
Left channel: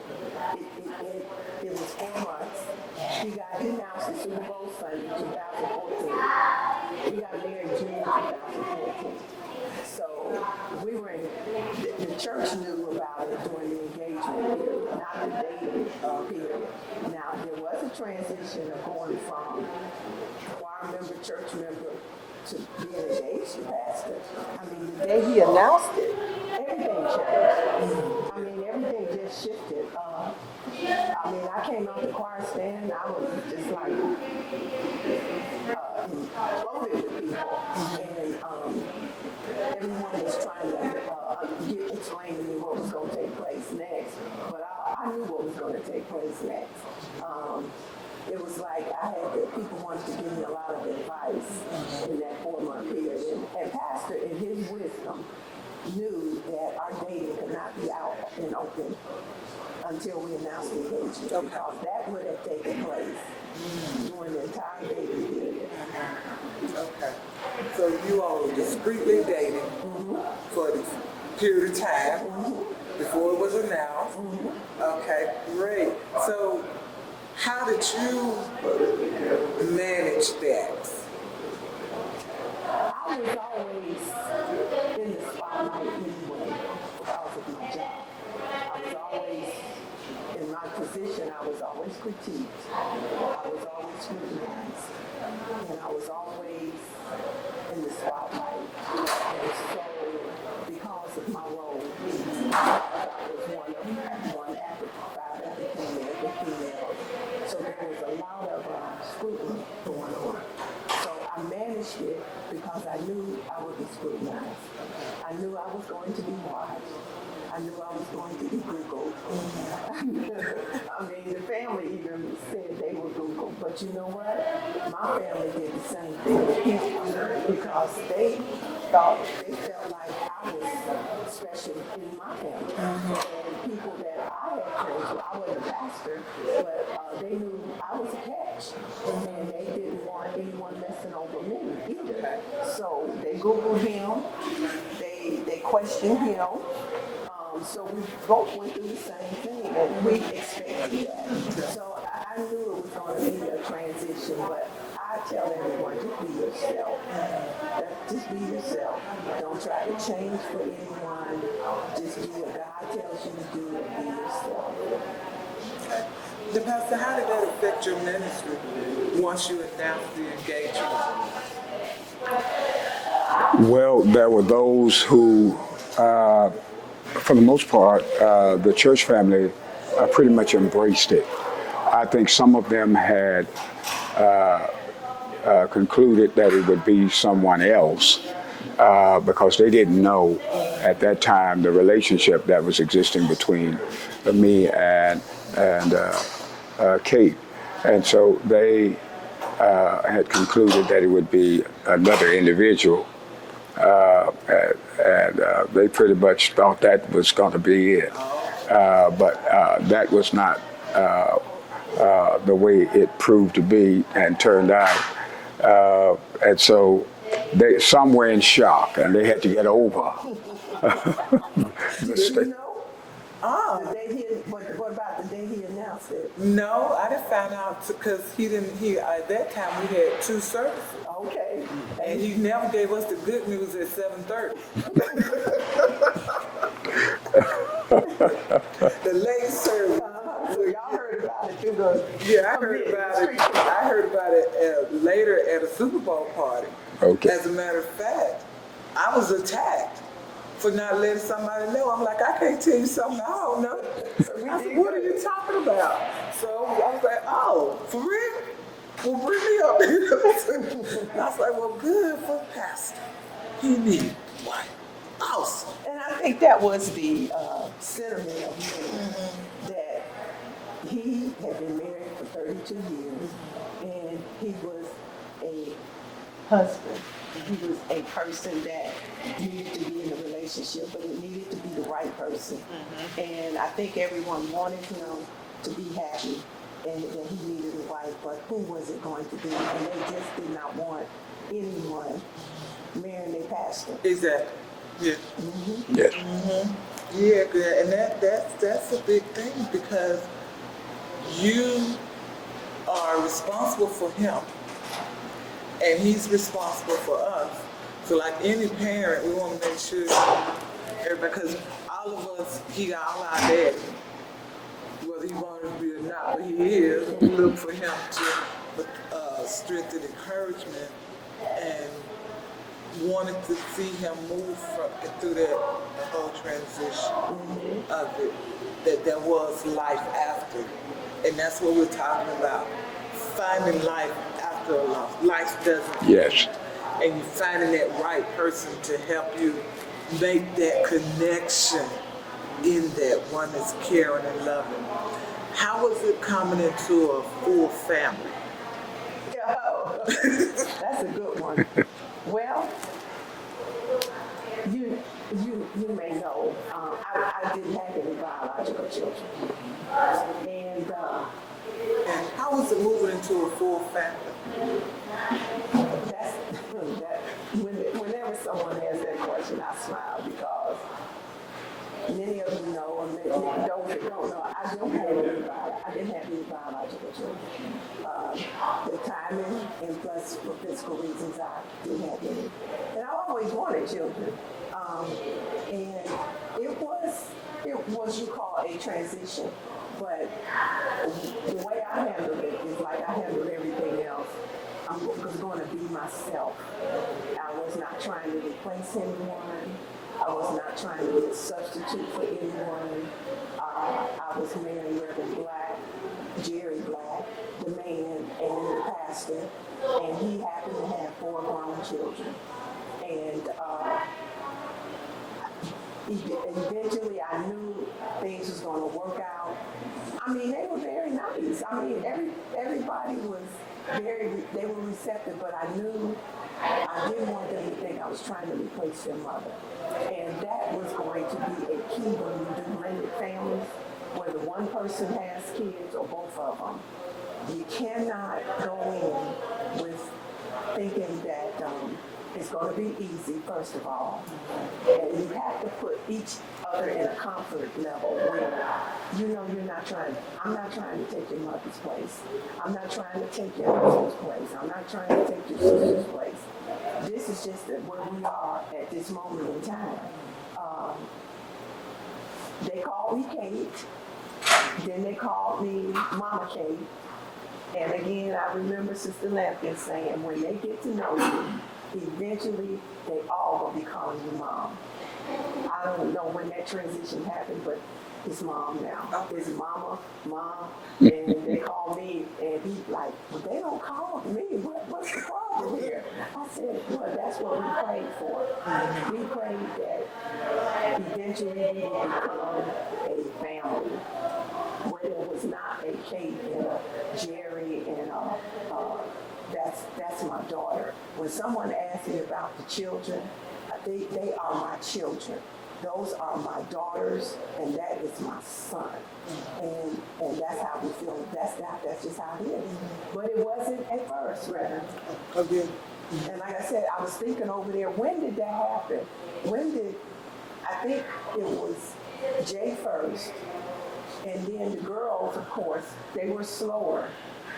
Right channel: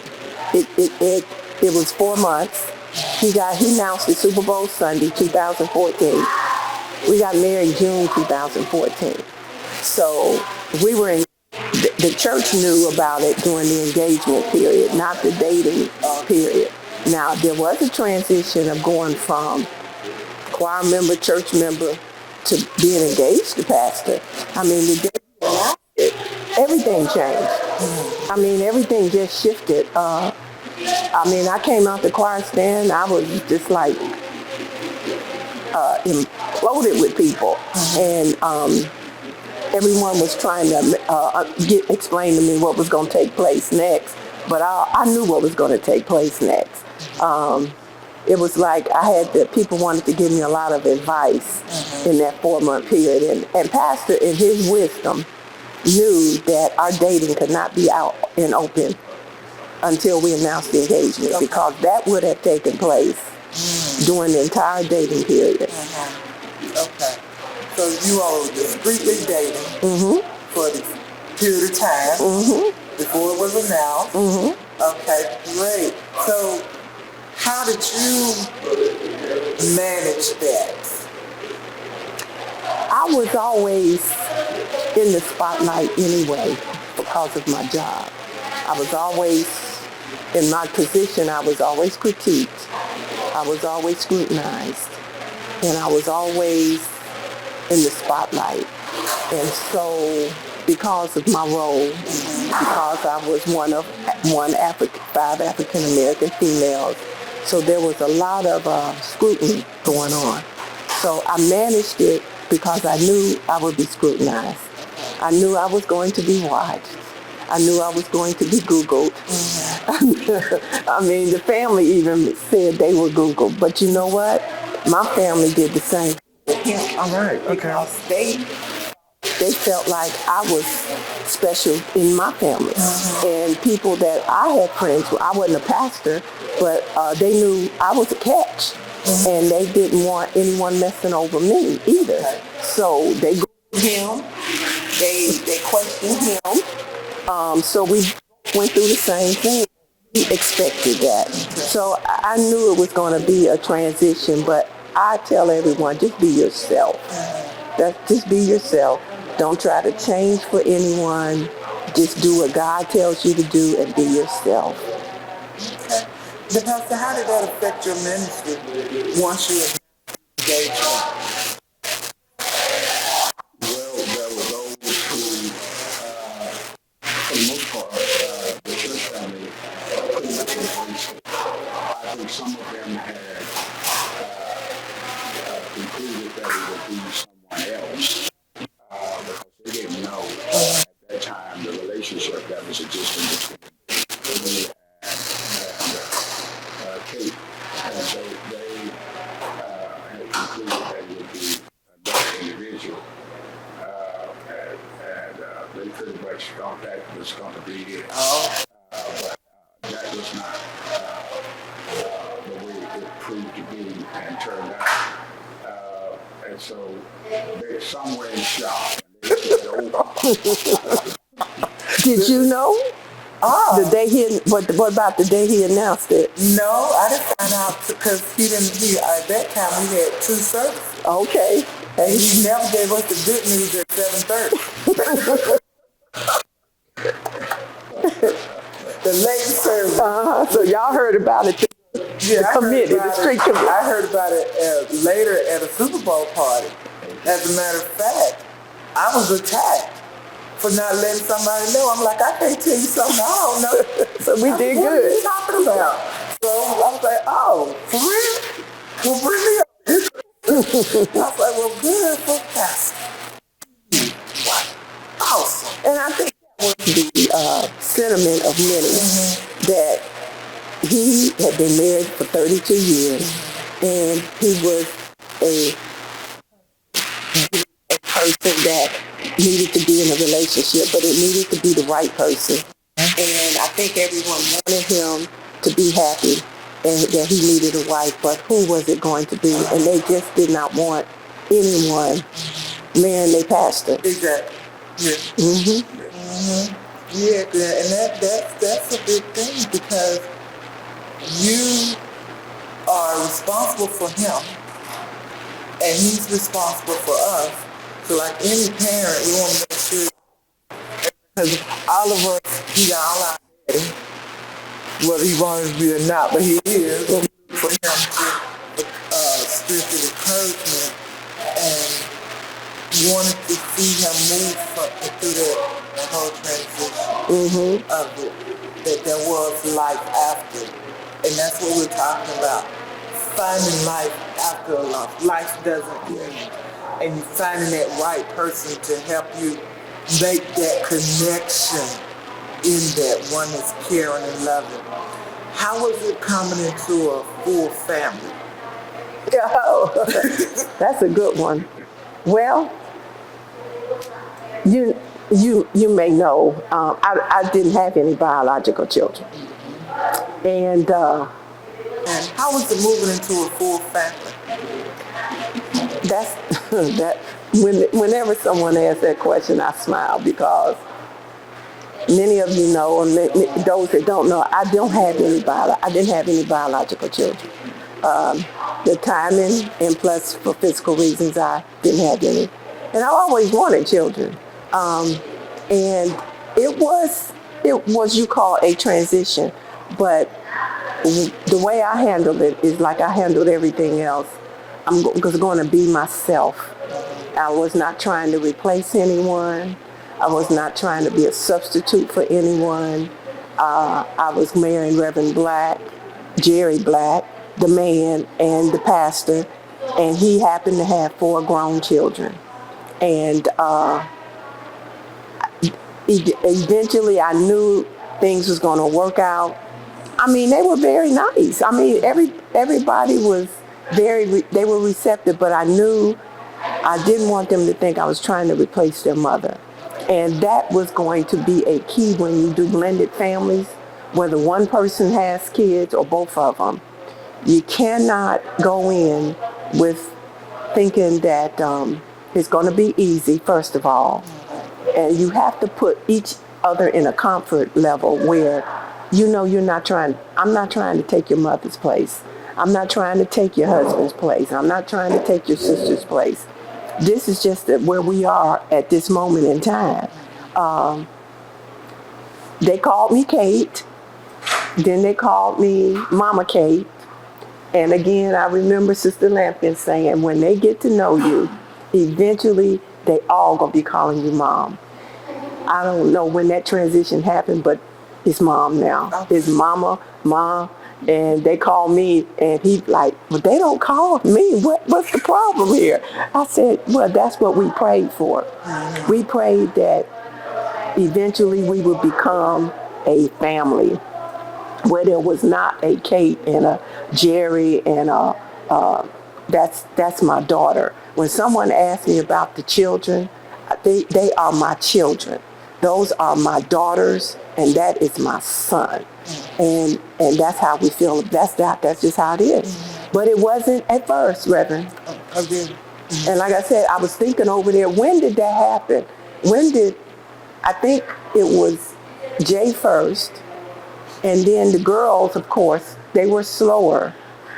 it was 4 months. He announced it Super Bowl Sunday, 2014. We got married June 2014. So we were in, the church knew about it during the engagement period, not the dating period. Now there was a transition of going from choir member, church member, to being engaged to pastor. I mean, the day he announced it, everything changed. I mean, everything just shifted. I mean, I came out the choir stand, I was just like imploded with people. And everyone was trying to explain to me what was going to take place next, but I knew what was going to take place next. It was like people wanted to give me a lot of advice in that 4-month period. And Pastor, in his wisdom, knew that our dating could not be out and open until we announced the engagement, because that would have taken place during the entire dating period. Okay. So you all were discreetly dating for this period of time before it was announced. Okay, great. So how did you manage that? I was always in the spotlight anyway because of my job. I was always, in my position, I was always critiqued. I was always scrutinized. And I was always in the spotlight. And so because of my role, because I was one of 5 African American females, so there was a lot of scrutiny going on. So I managed it because I knew I would be scrutinized. I knew I was going to be watched. I knew I was going to be Googled. I mean, the family even said they were Googled. But you know what? My family did the same thing. All right. Because they felt like I was special in my family. And people that I had friends with, I wasn't a pastor, but they knew I was a catch. And they didn't want anyone messing over me either. So they Googled him, they questioned him. So we both went through the same thing. We expected that. So I knew it was going to be a transition, but I tell everyone, just be yourself. Just be yourself. Don't try to change for anyone. Just do what God tells you to do and be yourself. But Pastor, how did that affect your ministry once you announced the engagement? Well, there were those who, for the most part, the church family pretty much embraced it. I think some of them had concluded that it would be someone else because they didn't know at that time the relationship that was existing between me and Kate. And so they had concluded that it would be another individual. And they pretty much thought that was going to be it. But that was not the way it proved to be and turned out. And so some were in shock and they had to get over. Did you know? The day what about the day he announced it? No, I didn't find out because at that time we had 2 services. Okay. And he never gave us the good news at 7:30. The late service. So y'all heard about it through the committee, the street committee. I heard about it later at a Super Bowl party. Okay. As a matter of fact, I was attacked for not letting somebody know. I'm like, I can't tell you something I don't know. So we did What are good. you talking about? So I was like, oh, for real? Well, bring me up. I was like, well, good for Pastor. You need what? Awesome. And I think that was the sentiment of many, that he had been married for 32 years, and he was a husband. He was a person that needed to be in a relationship, but it needed to be the right person. And I think everyone wanted him to be happy and that he needed a wife, but who was it going to be? And they just did not want anyone marrying their pastor. Exactly. Yeah. Yes. Yeah, and that's a big thing because you are responsible for him, and he's responsible for us. So, like any parent, we want to make sure, because all of us, he got all our daddy, whether he wanted to be or not, but he is. We look for him for spiritual encouragement and wanted to see him move through that whole transition of it, that there was life after. And that's what we're talking about. Finding life after a loss. Life doesn't. Yes. And finding that right person to help you make that connection in that one that's caring and loving. How was it coming into a full family? Oh, that's a good one. Well, you may know, I didn't have any biological children. And How was it moving into a full family? Whenever someone asks that question, I smile because many of you know, and those that don't know, I didn't have any biological children. The timing and plus for physical reasons, I didn't have any. And I always wanted children. And it was you call a transition, but the way I handled it is like I handled everything else. I'm going to be myself. I was not trying to replace anyone. I was not trying to be a substitute for anyone. I was marrying Reverend Jerry Black, the man and the pastor, and he happened to have 4 grown children. And eventually I knew things was going to work out. I mean, they were very nice. I mean, everybody was they were receptive, but I knew I didn't want them to think I was trying to replace their mother. And that was going to be a key when you do blended families, whether one person has kids or both of them. You cannot go in with thinking that it's going to be easy, first of all. And you have to put each other in a comfort level where you know I'm not trying to take your mother's place. I'm not trying to take your husband's place. I'm not trying to take your sister's place. This is just where we are at this moment in time. They called me Kate. Then they called me Mama Kate. And again, I remember Sister Lampkin saying, when they get to know you, eventually they all gonna be calling you Mom. I don't know when that transition happened, but it's Mom now. It's Mama, Mom. And they call me, and he's like, well, they don't call me. What's the problem here? I said, well, that's what we prayed for. We prayed that eventually we would become a family where there was not a Kate and a Jerry and that's my daughter. When someone asks me about the children, they are my children. Those are my daughters, and that is my son. And that's how we feel. That's just how it is. But it wasn't at first, Reverend. Okay. And like I said, I was thinking over there, when did that happen? I think it was Jay first, and then the girls, of course, they were slower.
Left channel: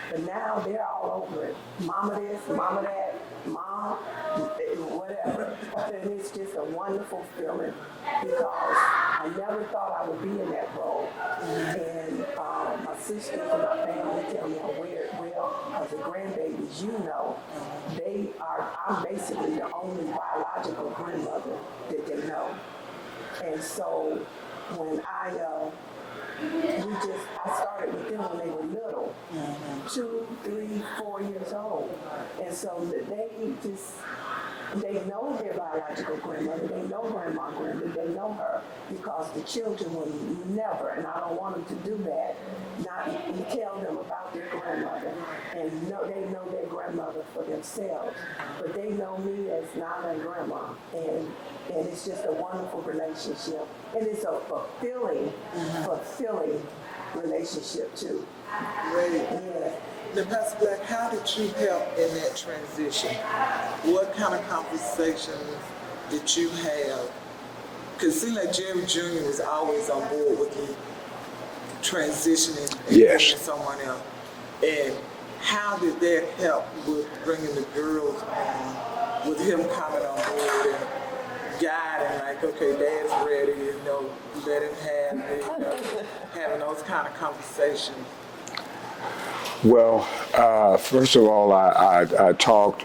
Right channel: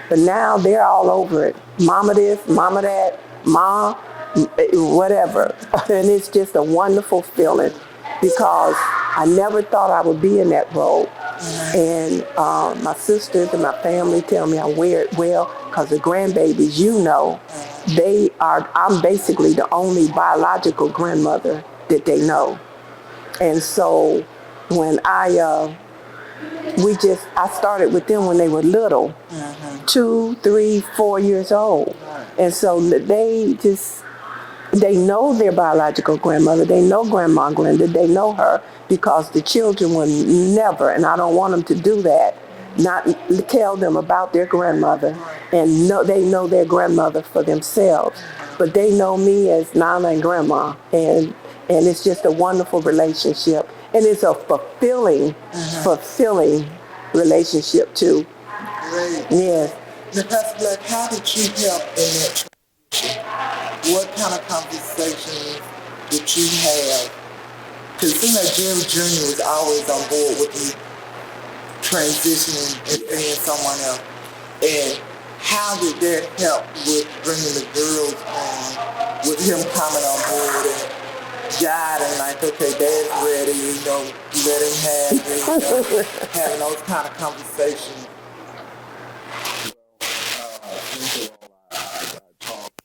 But now they're all over it. Mama this, mama that, ma, whatever. And it's just a wonderful feeling because I never thought I would be in that role. And my sisters and my family tell me I wear it well because the grandbabies, I'm basically the only biological grandmother that they know. And so when I started with them when they were little, 2, 3, 4 years old. And so they know their biological grandmother. They know Grandma Glenda. They know her because the children will never, and I don't want them to do that, not tell them about their grandmother. And they know their grandmother for themselves. But they know me as Nana and Grandma. And it's just a wonderful relationship. And it's a fulfilling relationship too. Great. Yeah. Now, Pastor Black, how did you help in that transition? What kind of conversations did you have? Because it seemed like Jerry Jr. was always on board with you transitioning and being someone else. And how did that help with bringing the girls on, with him coming on board and guiding, like, okay, Dad's ready, let him have it, having those kind of conversations? Well, first of all, I talked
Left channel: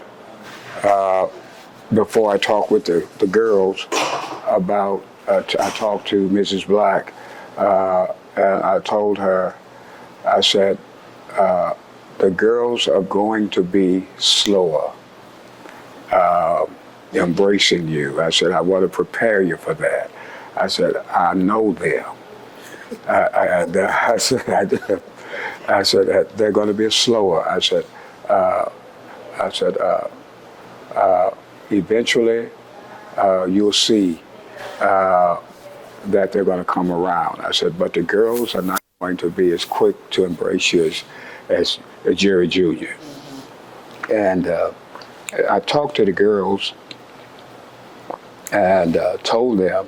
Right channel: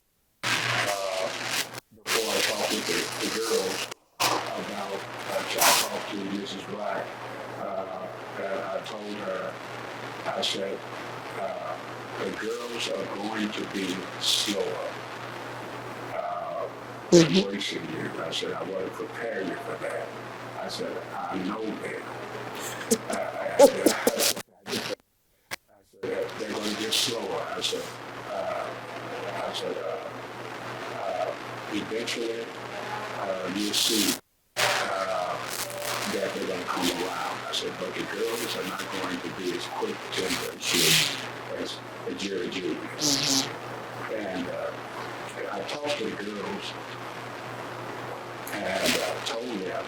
before I talked with the girls about, I talked to Mrs. Black, and I told her, I said, the girls are going to be slower embracing you. I said, I want to prepare you for that. I said, I know them. I said that they're going to be slower. I said, eventually you'll see that they're going to come around. I said, but the girls are not going to be as quick to embrace you as Jerry Jr. And I talked to the girls and told them,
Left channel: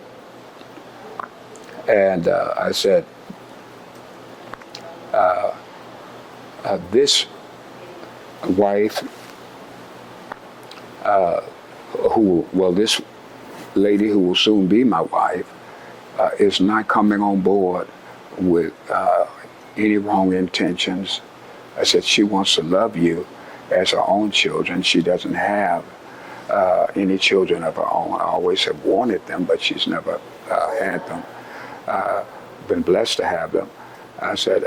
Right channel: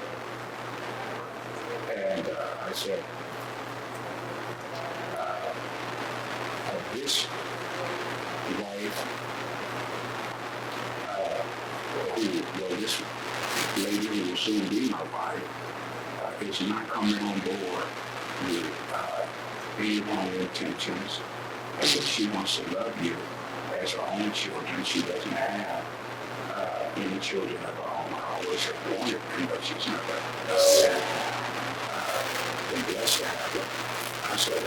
and I said, this wife, this lady who will soon be my wife, is not coming on board with any wrong intentions. I said, she wants to love you as her own children. She doesn't have any children of her own. I always have wanted them, but she's never had them. Been blessed to have them. I said,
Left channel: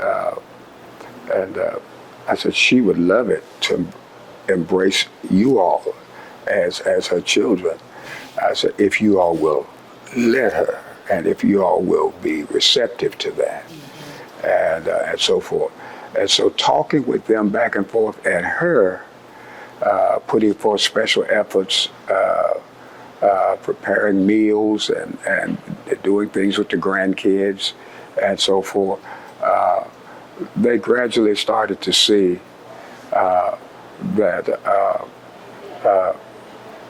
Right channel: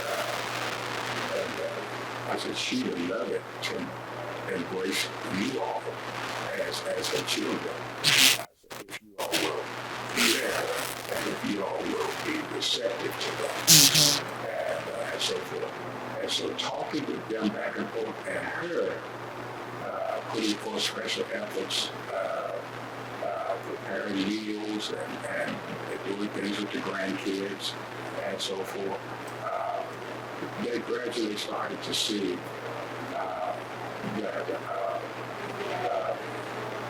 I said she would love it to embrace you all as her children. I said, if you all will let her, and if you all will be receptive to that, and so forth. And so talking with them back and forth, and her putting forth special efforts, preparing meals and doing things with the grandkids and so forth, they gradually started to see that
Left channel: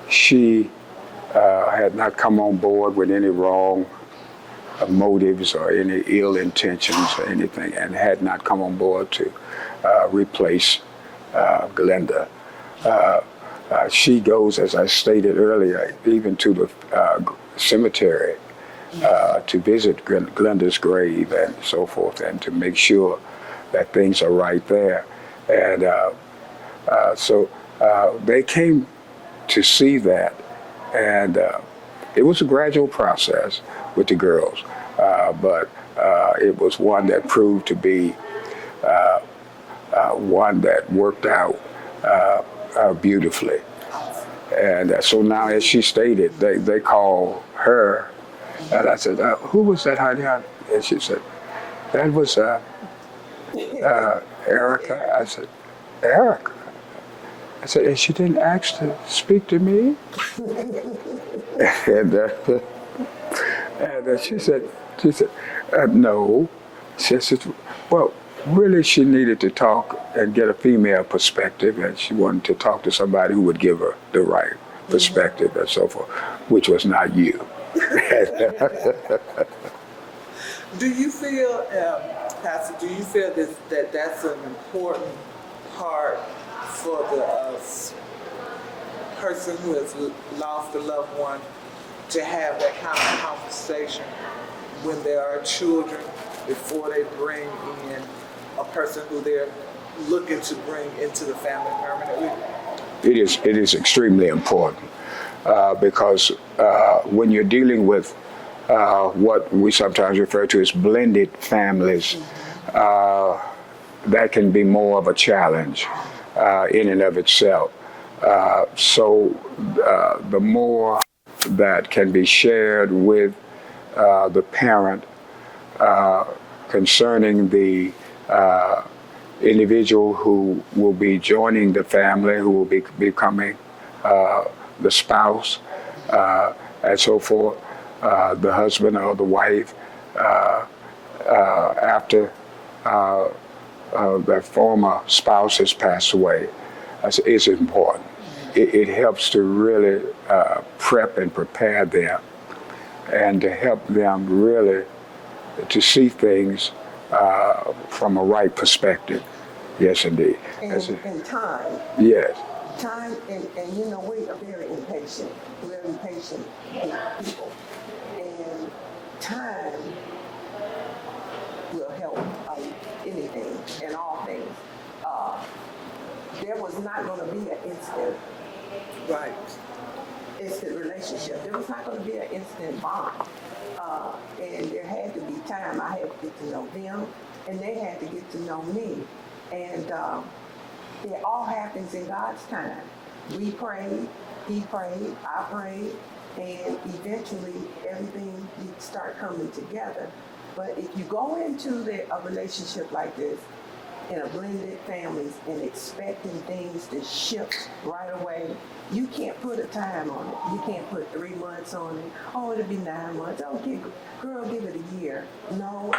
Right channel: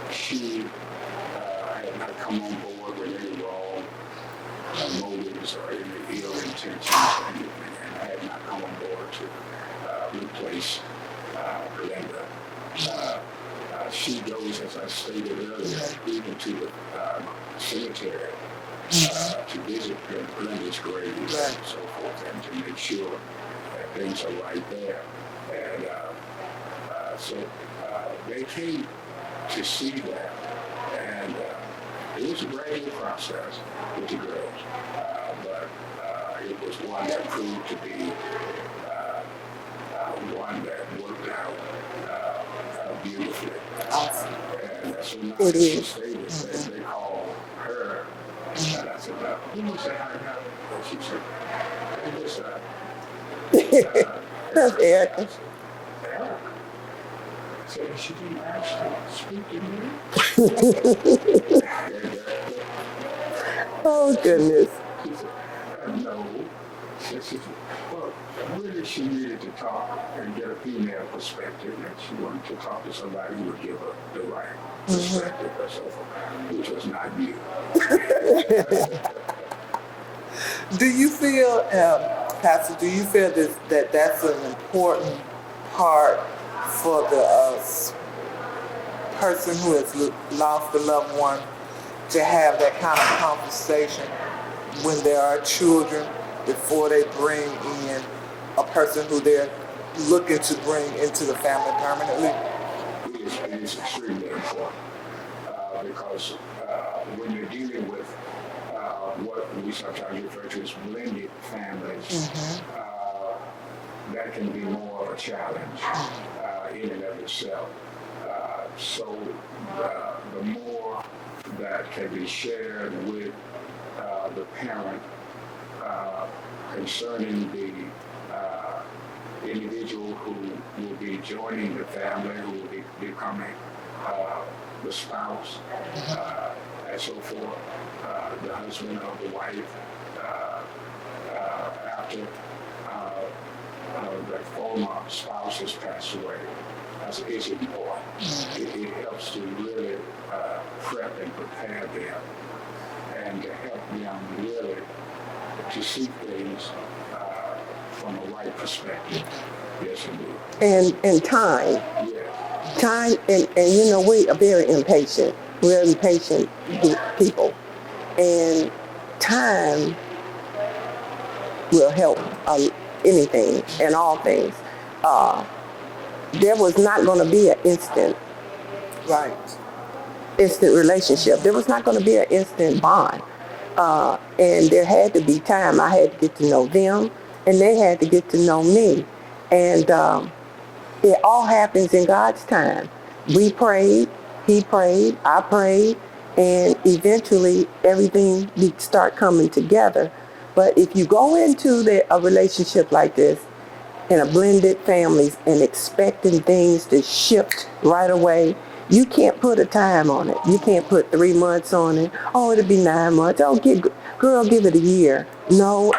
she had not come on board with any wrong motives or any ill intentions or anything, and had not come on board to replace Glenda. She goes, as I stated earlier, even to the cemetery to visit Glenda's grave and so forth, and to make sure that things are right there. And so they came to see that, and it was a gradual process with the girls, but it was one that proved to be one that worked out beautifully. And so now, as she stated, they call her, and I said, who was that, honey? And she said, that was Erica. I said, Erica? I said, and she didn't ask to speak to me? and she said, no. She said, well, really she needed to talk and get a female perspective, and she wanted to talk to somebody who would give her the right perspective and so forth, which was not you. Do you feel, Pastor, do you feel that that's an important part for the person who has lost a loved one to have that kind of conversation when there are children before they bring in a person who they're looking to bring into the family permanently? It is extremely important because when you're dealing with what we sometimes refer to as blended families, that can be more of a challenge in and of itself. So the more that can be shared with the parent concerning the individual who will be joining the family, who will be becoming the spouse, and so forth, the husband or the wife, after that former spouse has passed away, is important. It helps to really prep and prepare them, and to help them really to see things from a right perspective. Yes, indeed. And time. Yes. Time, and you know, we are very impatient. We're impatient people. And time will help anything and all things. There was not going to be an instant. Right. instant relationship. There was not going to be an instant bond. And there had to be time. I had to get to know them, and they had to get to know me. And it all happens in God's time. We prayed, he prayed, I prayed, and eventually everything start coming together. But if you go into a relationship like this, in a blended families and expecting things to shift right away, you can't put a time on it. You can't put 3 months on it. Oh, it'll be 9 months. Oh, girl, give it a year. No,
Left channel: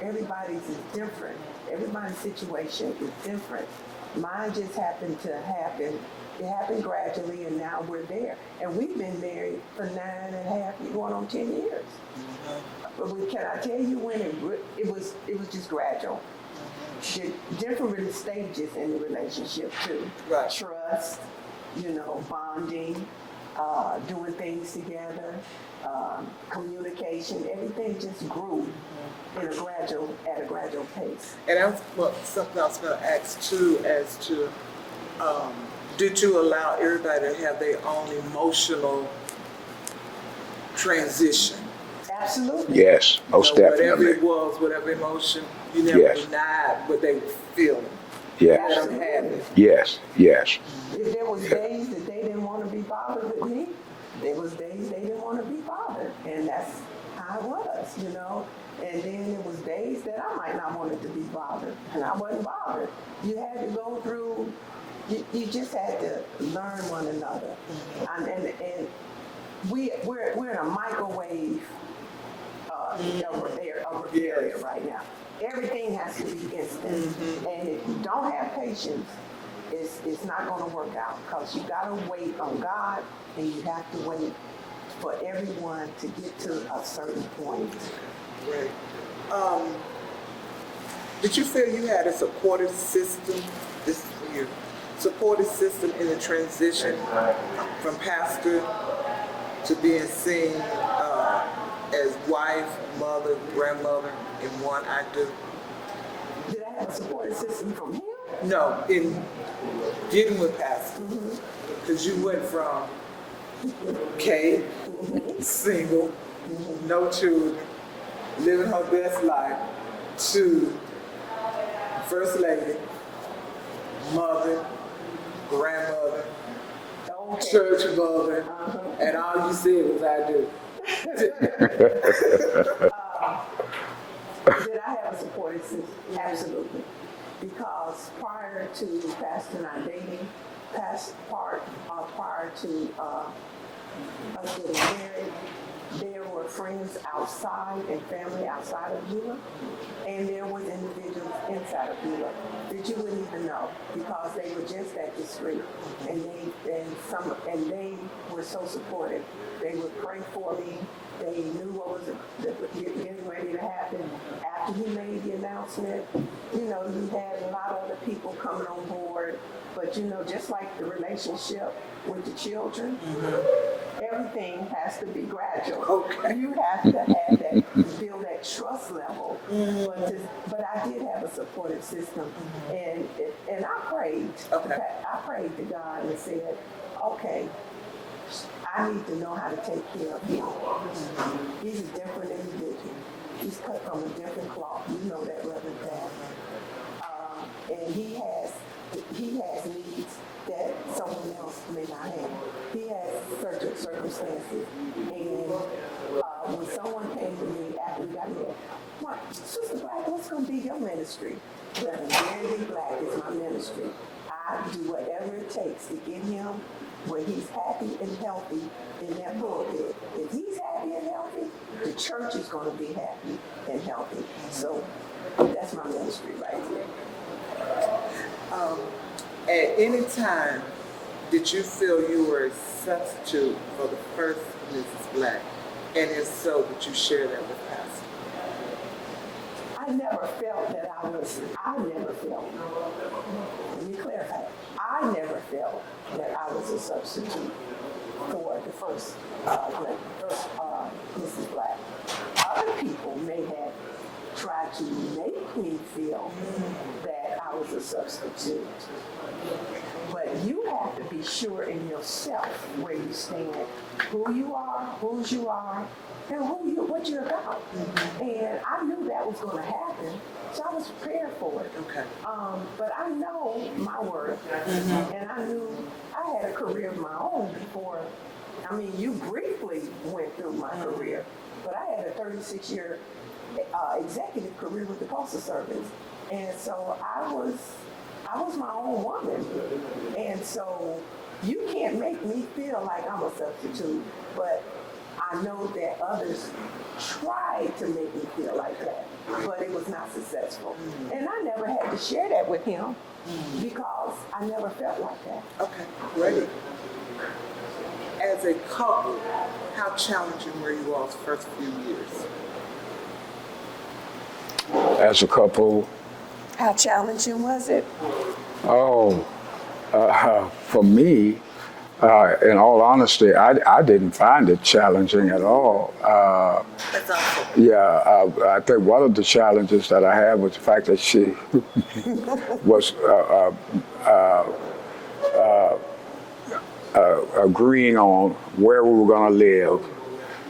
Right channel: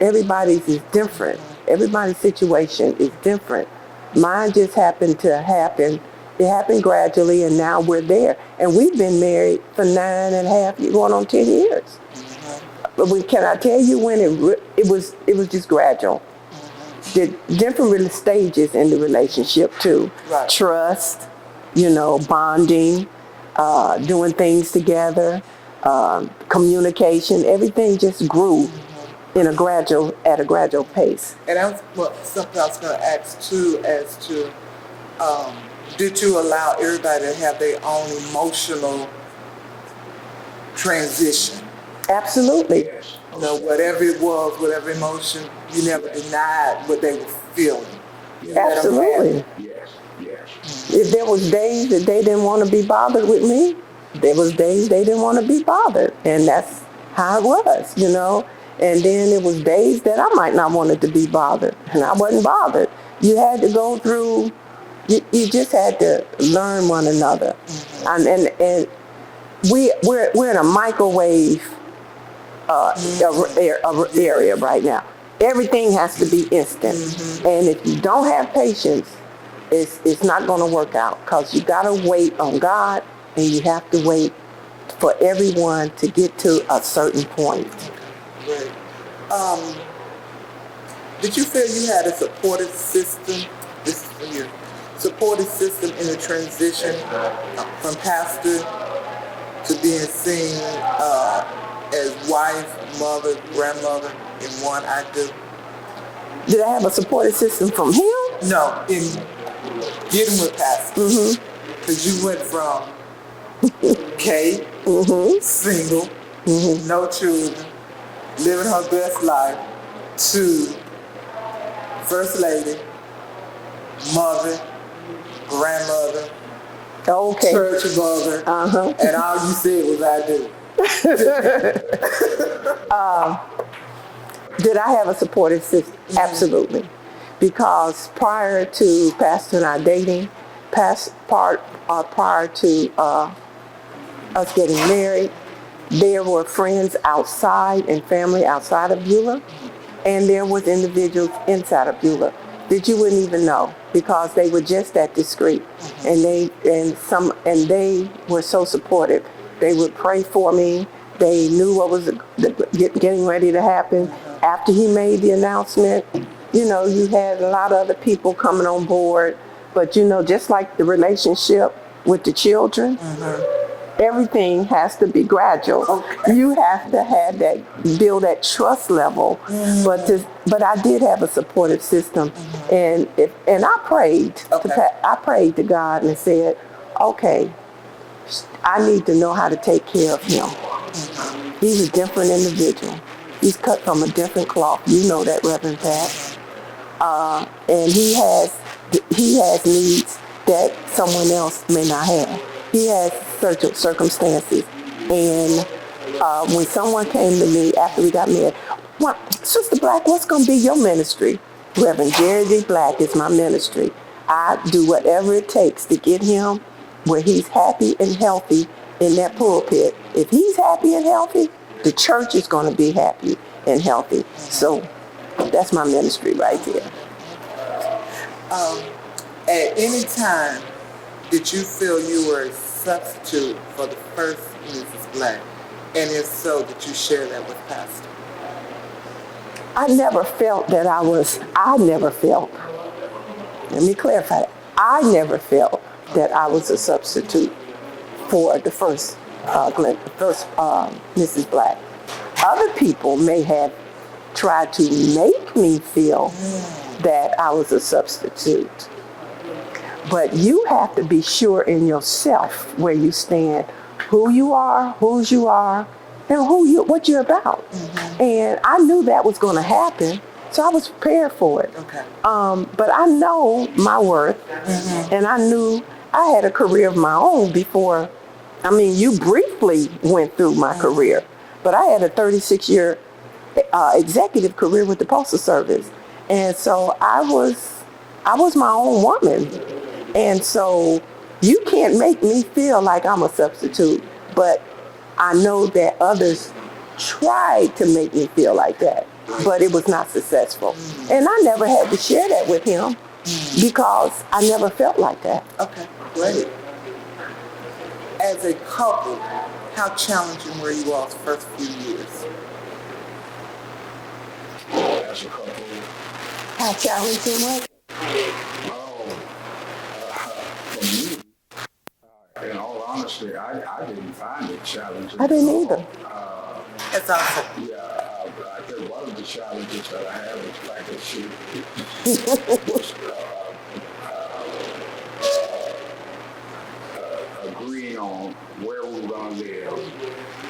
everybody's is different. Everybody's situation is different. Mine just happened to happen. It happened gradually, and now we're there. And we've been married for 9.5, going on 10 years. But can I tell you when it was just gradual. The different stages in the relationship too. Right. Trust, bonding, doing things together, communication. Everything just grew at a gradual pace. And that's something I was going to ask too, as to did you allow everybody to have their own emotional transition? Yes, Absolutely. most definitely. Whatever it was, whatever emotion, you never denied what they were feeling. Yes. Absolutely. Yes. If there was days that they didn't want to be bothered with me, there was days they didn't want to be bothered. And that's how it was, And then there was days that I might not wanted to be bothered, and I wasn't bothered. You had to go through, you just had to learn one another. And we're in a microwave area right now. Everything has to be instant. Mm-hmm. And if you don't have patience, it's not going to work out, because you got to wait on God, and you have to wait for everyone to get to a certain point. Right. Did you feel you had a supportive system? Supportive system in the transition from pastor to being seen as wife, mother, grandmother in one I do? Did I have a supportive system from him? No, in getting with pastor. Because you went from Kate, single, no children, living her best life, to first lady, mother, grandmother, church mother, and all you said was I do. Did I have a supportive system? Absolutely. Because prior to Pastor and I dating, prior to us getting married, there were friends outside and family outside of Beulah, and there was individuals inside of Beulah that you wouldn't even know, because they were just that discreet, and they were so supportive. They would pray for me. They knew what was getting ready to happen. After he made the announcement, you had a lot of other people coming on board. But just like the relationship with the children, everything has to be gradual. Okay. You have to have build that trust level. But I did have a supportive system, and I prayed. I prayed to God and said, okay, I need to know how to take care of him. He's a different individual. He's cut from a different cloth. You know that, Reverend Pat. And he has needs that someone else may not have. He has certain circumstances. And when someone came to me after we got married, Sister Black, what's going to be your ministry? Reverend Jerry D is my ministry. I do whatever it takes to get him where he's happy and healthy in that pulpit. If he's happy and healthy, the church is going to be happy and healthy. So that's my ministry right there. At any time, did you feel you were a substitute for the first Mrs. Black? And if so, did you share that with Pastor? I never felt, let me clarify that. I never felt that I was a substitute for the first Mrs. Black. Other people may have tried to make me feel that I was a substitute. But you have to be sure in yourself where you stand, who you are, whose you are, and what you're about. And I knew that was going to happen, so I was prepared for it. But I know my worth, and I knew I had a career of my own before. I mean, you briefly went through my career, but I had a 36-year executive career with the Postal Service. And so I was my own woman. And so you can't make me feel like I'm a substitute, but I know that others tried to make me feel like that, but it was not successful. And I never had to share that with him because I never felt like that. Okay, great. As a couple, how challenging were you all the first few years? As a couple, How challenging was it? for me, in all honesty, I didn't find it challenging at all. That's awesome. Yeah, I think one of the challenges that I had was the fact that she was agreeing on where we were going to live,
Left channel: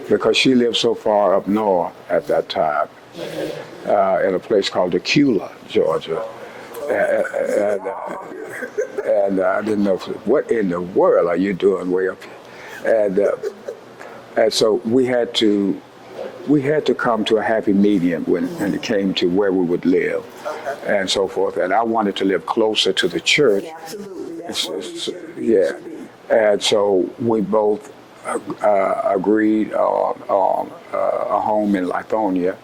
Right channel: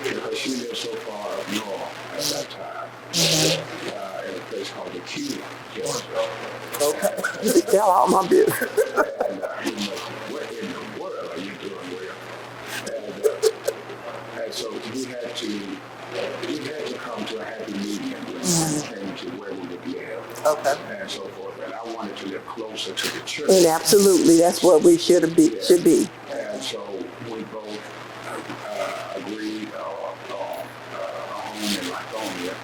because she lived so far up north at that time, in a place called Beulah, Georgia. Tell all my business. And I didn't know, what in the world are you doing, Will? And so we had to come to a happy median when it came to where we would live, and so forth. And I wanted to live closer to the church. And absolutely, that's what we should be. And so we both agreed on a home in Lithonia,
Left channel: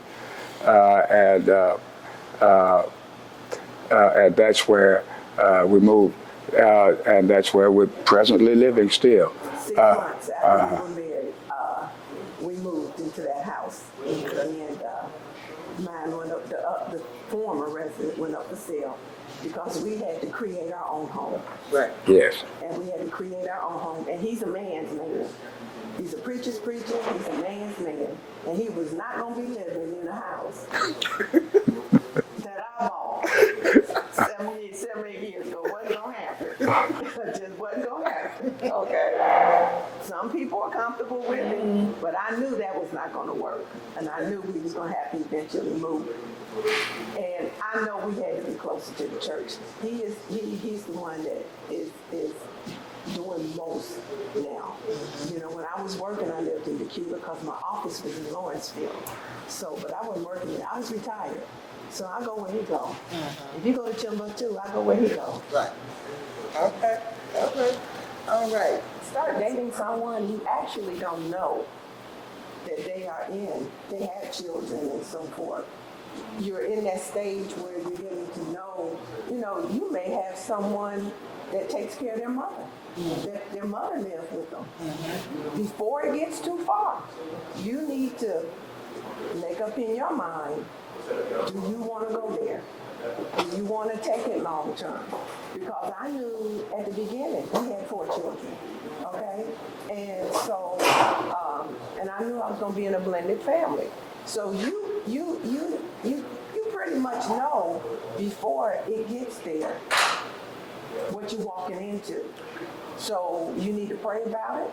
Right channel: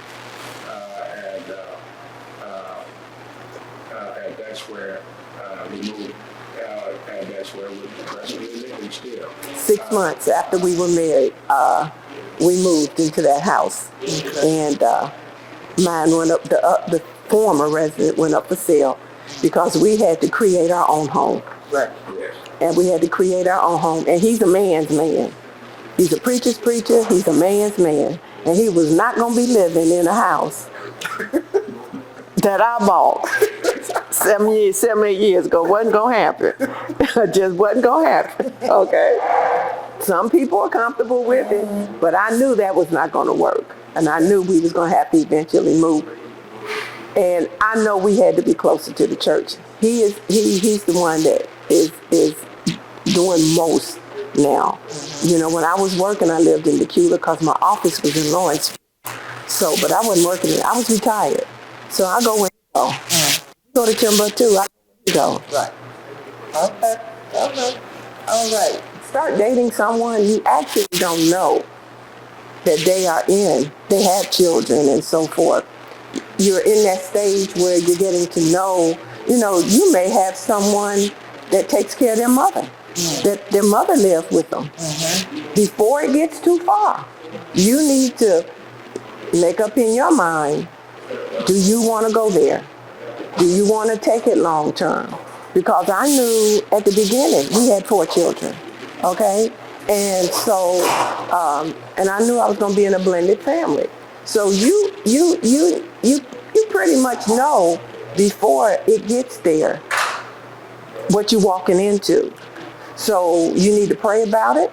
and that's where we moved, and that's where we're presently living still. 6 months after we were married, we moved into that house, and mine went up. The former resident went up for sale because we had to create our own home. Right. Yes. And we had to create our own home. And he's a man's man. He's a preacher's preacher. He's a man's man, and he was not going to be living in a house that I bought 7, 8 years ago. Wasn't gonna happen. Just wasn't gonna happen. Okay. Some people are comfortable with it, but I knew that was not gonna work, and I knew we was gonna have to eventually move. And I know we had to be closer to the church. He's the one that is doing most now. You know, when I was working, I lived in Beulah because my office was in Lawrenceville. So, but I wasn't working there. I was retired. So I go where he go. If you go to Timbuktu, I go where he go. Right. Okay. All right. Start dating someone you actually don't know that they have children and so forth. You're in that stage where you're getting to know, you may have someone that takes care of their mother, that their mother lived with them. Before it gets too far, you need to make up in your mind, do you want to go there? Do you want to take it long term? Because I knew at the beginning we had 4 children, okay? And so, and I knew I was going to be in a blended family. So you pretty much know before it gets there what you're walking into. So you need to pray about it.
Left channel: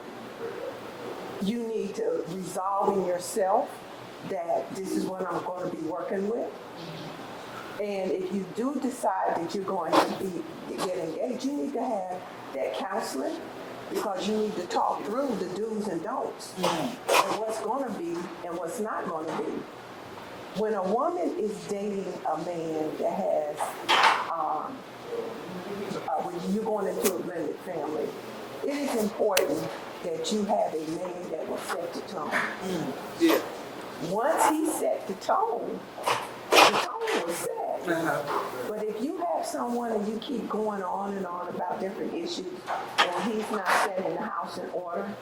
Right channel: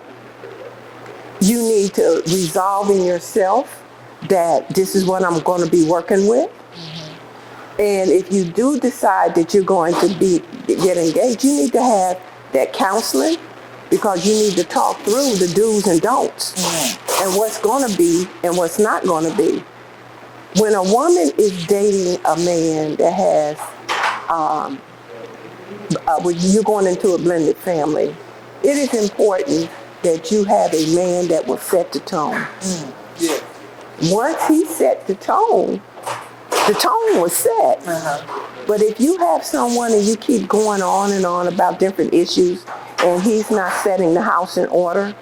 You need to resolve in yourself that this is what I'm going to be working with. And if you do decide that you're going to get engaged, you need to have that counseling, because you need to talk through the do's and don'ts and what's going to be and what's not going to be. When a woman is dating a man that has, when you're going into a blended family, it is important that you have a man that will set the tone. Once he set the tone was set. But if you have someone and you keep going on and on about different issues and he's not setting the house in order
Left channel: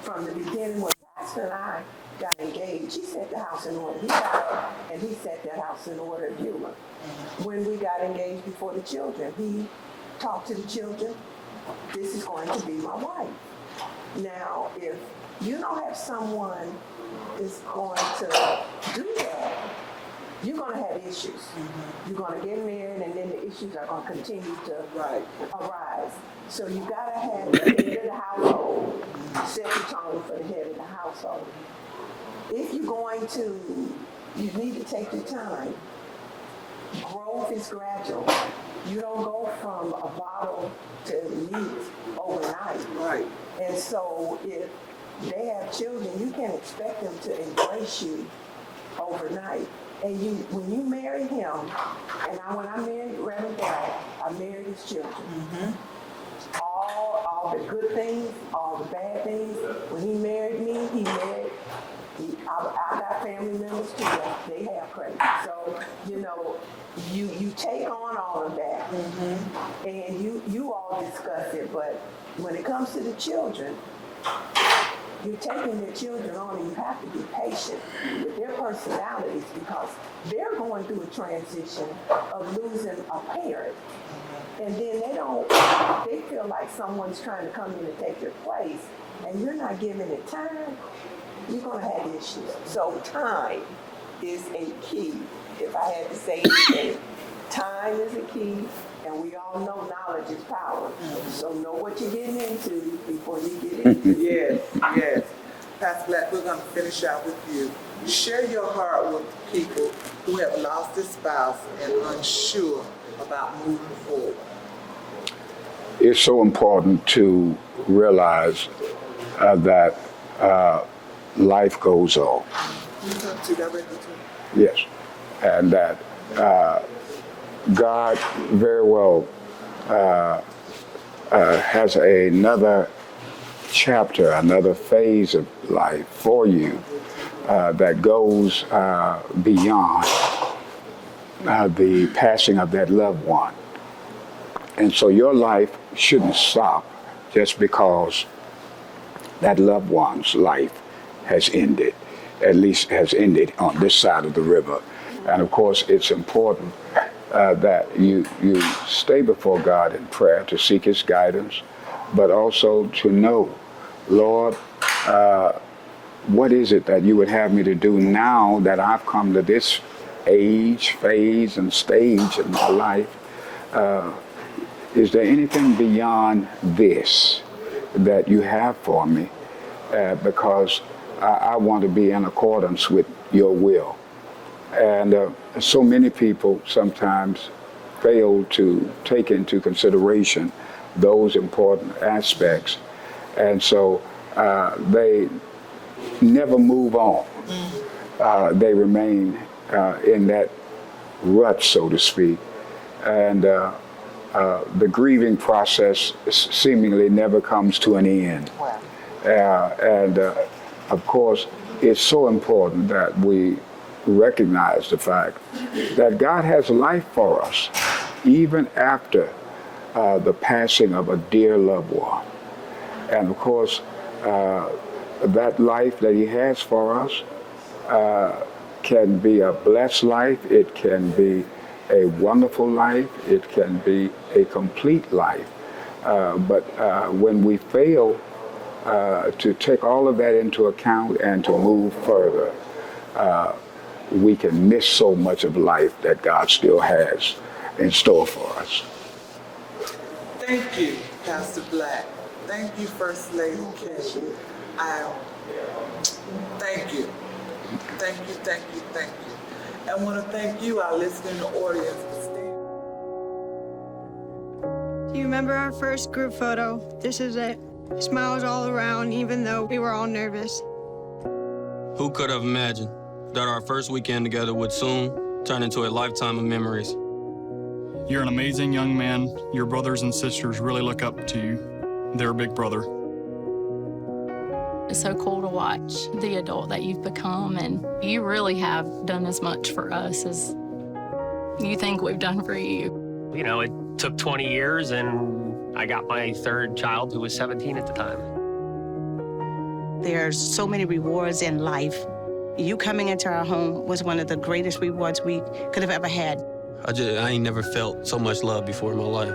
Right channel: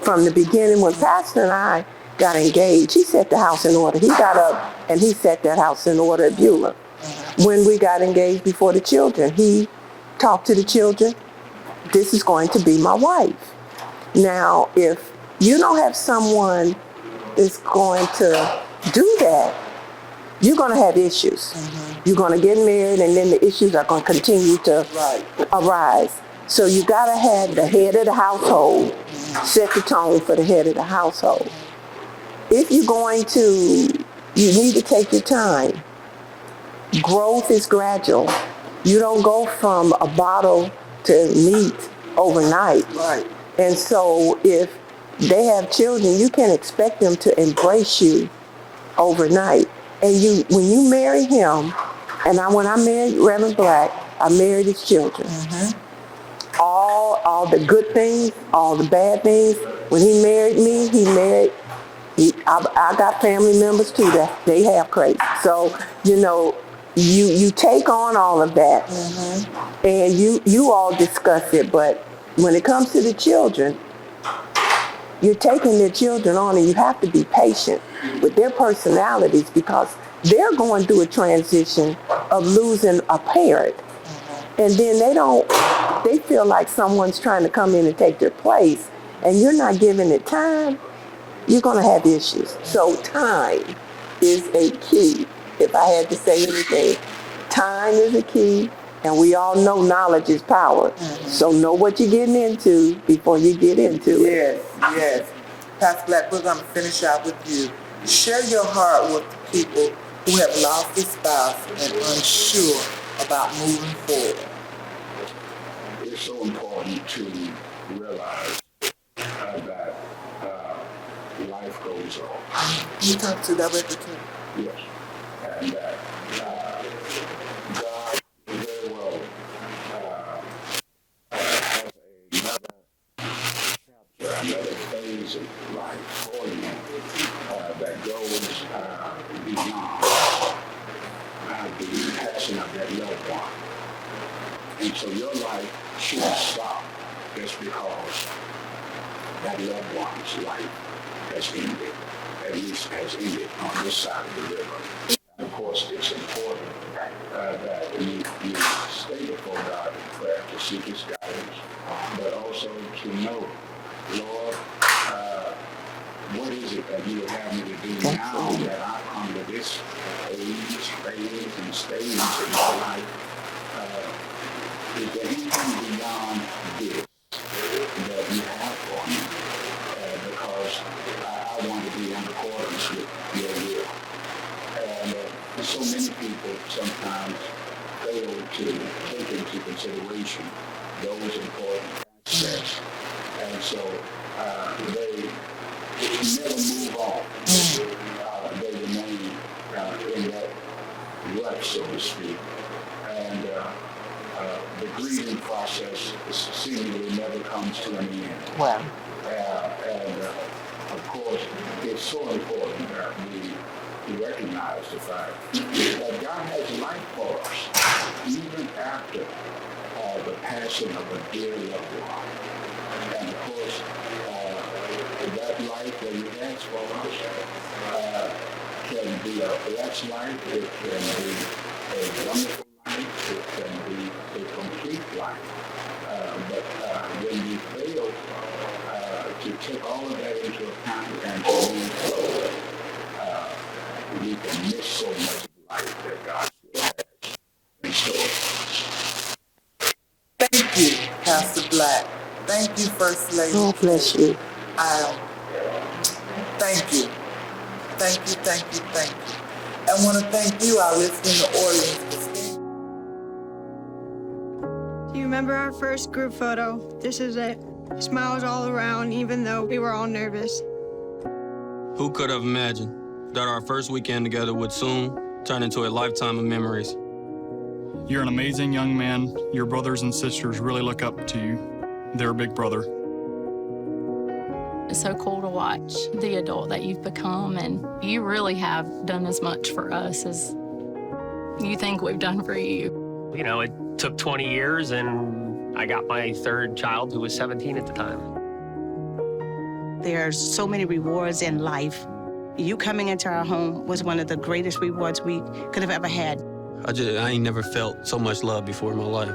from the beginning, when Pastor and I got engaged, he set the house in order. He got up and he set that house in order at Beulah. When we got engaged before the children, he talked to the children, this is going to be my wife. Now, if you don't have someone that's going to do that, you're going to have issues. You're going to get married, and then the issues are going to continue to arise. So you gotta have the head of the household set the tone for the head of the household. If you're going to, you need to take your time. Growth is gradual. You don't go from a bottle to meat overnight. Right. And so if they have children, you can't expect them to embrace you overnight. And when you marry him, and when I married Reverend Black, I married his children. All the good things, all the bad things. When he married me, I got family members too that they have crazy. So, you take on all of that, and you all discuss it. But when it comes to the children, you're taking their children on, and you have to be patient with their personalities because they're going through a transition of losing a parent. And then they feel like someone's trying to come in and take their place, and you're not giving it time, you're going to have issues. So time is a key. If I had to say anything, time is a key, and we all know knowledge is power. So know what you're getting into before you get into it. Yes. Pastor Black, we're going to finish out with you. Share your heart with the people who have lost their spouse and unsure about moving forward. It's so important to realize that life goes on. You come to that with the Yes. And that God very well has another chapter, another phase of life for you that goes beyond the passing of that loved one. And so your life shouldn't stop just because that loved one's life has ended, at least has ended on this side of the river. And of course, it's important that you stay before God in prayer to seek his guidance, but also to know, Lord, what is it that you would have me to do now that I've come to this age, phase, and stage in my life? Is there anything beyond this that you have for me? Because I want to be in accordance with your will. And so many people sometimes fail to take into consideration those important aspects. And so they never move on. They remain in that rut, so to speak. And the grieving process seemingly never comes to an end. Wow. And of course, it's so important that we recognize the fact that God has life for us, even after the passing of a dear loved one. And of course, that life that he has for us can be a blessed life, it can be a wonderful life, it can be a complete life. But when we fail to take all of that into account and to move further, we can miss so much of life that God still has in store for us. Thank you, Pastor Black. Thank you, First Lady. God bless you. Thank you. Thank you, thank you, thank you. I want to thank you, our listening audience. Do you remember our first group photo? This is it. Smiles all around, even though we were all nervous. Who could have imagined that our first weekend together would soon turn into a lifetime of memories? You're an amazing young man. Your brothers and sisters really look up to you. They're a big brother. It's so cool to watch the adult that you've become, and you really have done as much for us as you think we've done for you. You know, it took 20 years, and I got my third child, who was 17 at the time. There's so many rewards in life. You coming into our home was one of the greatest rewards we could have ever had. I ain't never felt so much love before in my life.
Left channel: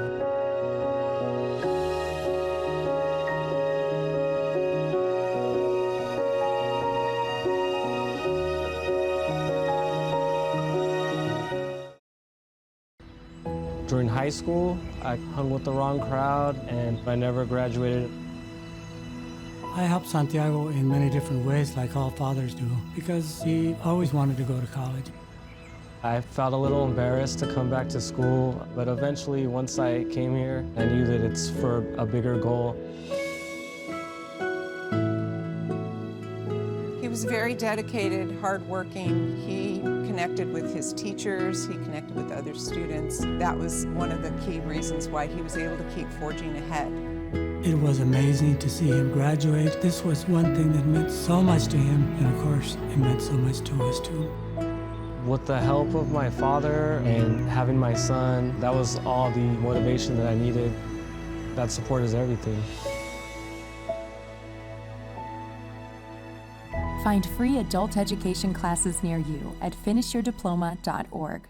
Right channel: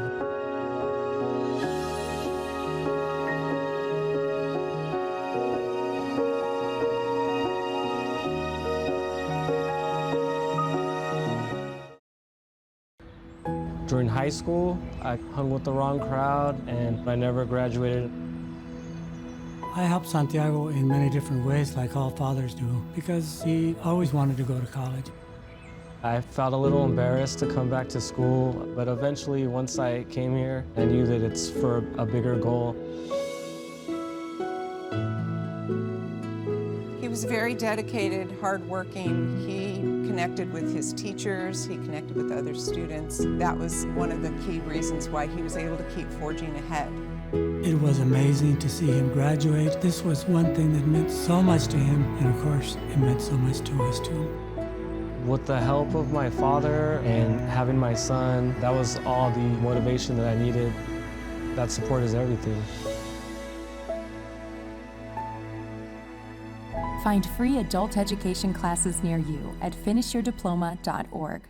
During high school, I hung with the wrong crowd and I never graduated. I helped Santiago in many different ways, like all fathers do, because he always wanted to go to college. I felt a little embarrassed to come back to school, but eventually, once I came here, I knew that it's for a bigger goal. He was very dedicated, hardworking. He connected with his teachers, he connected with other students. That was one of the key reasons why he was able to keep forging ahead. It was amazing to see him graduate. This was one thing that meant so much to him, and of course, it meant so much to us too. With the help of my father and having my son, that was all the motivation that I needed. That support is everything. Find free adult education classes near you at finishyourdiploma.org.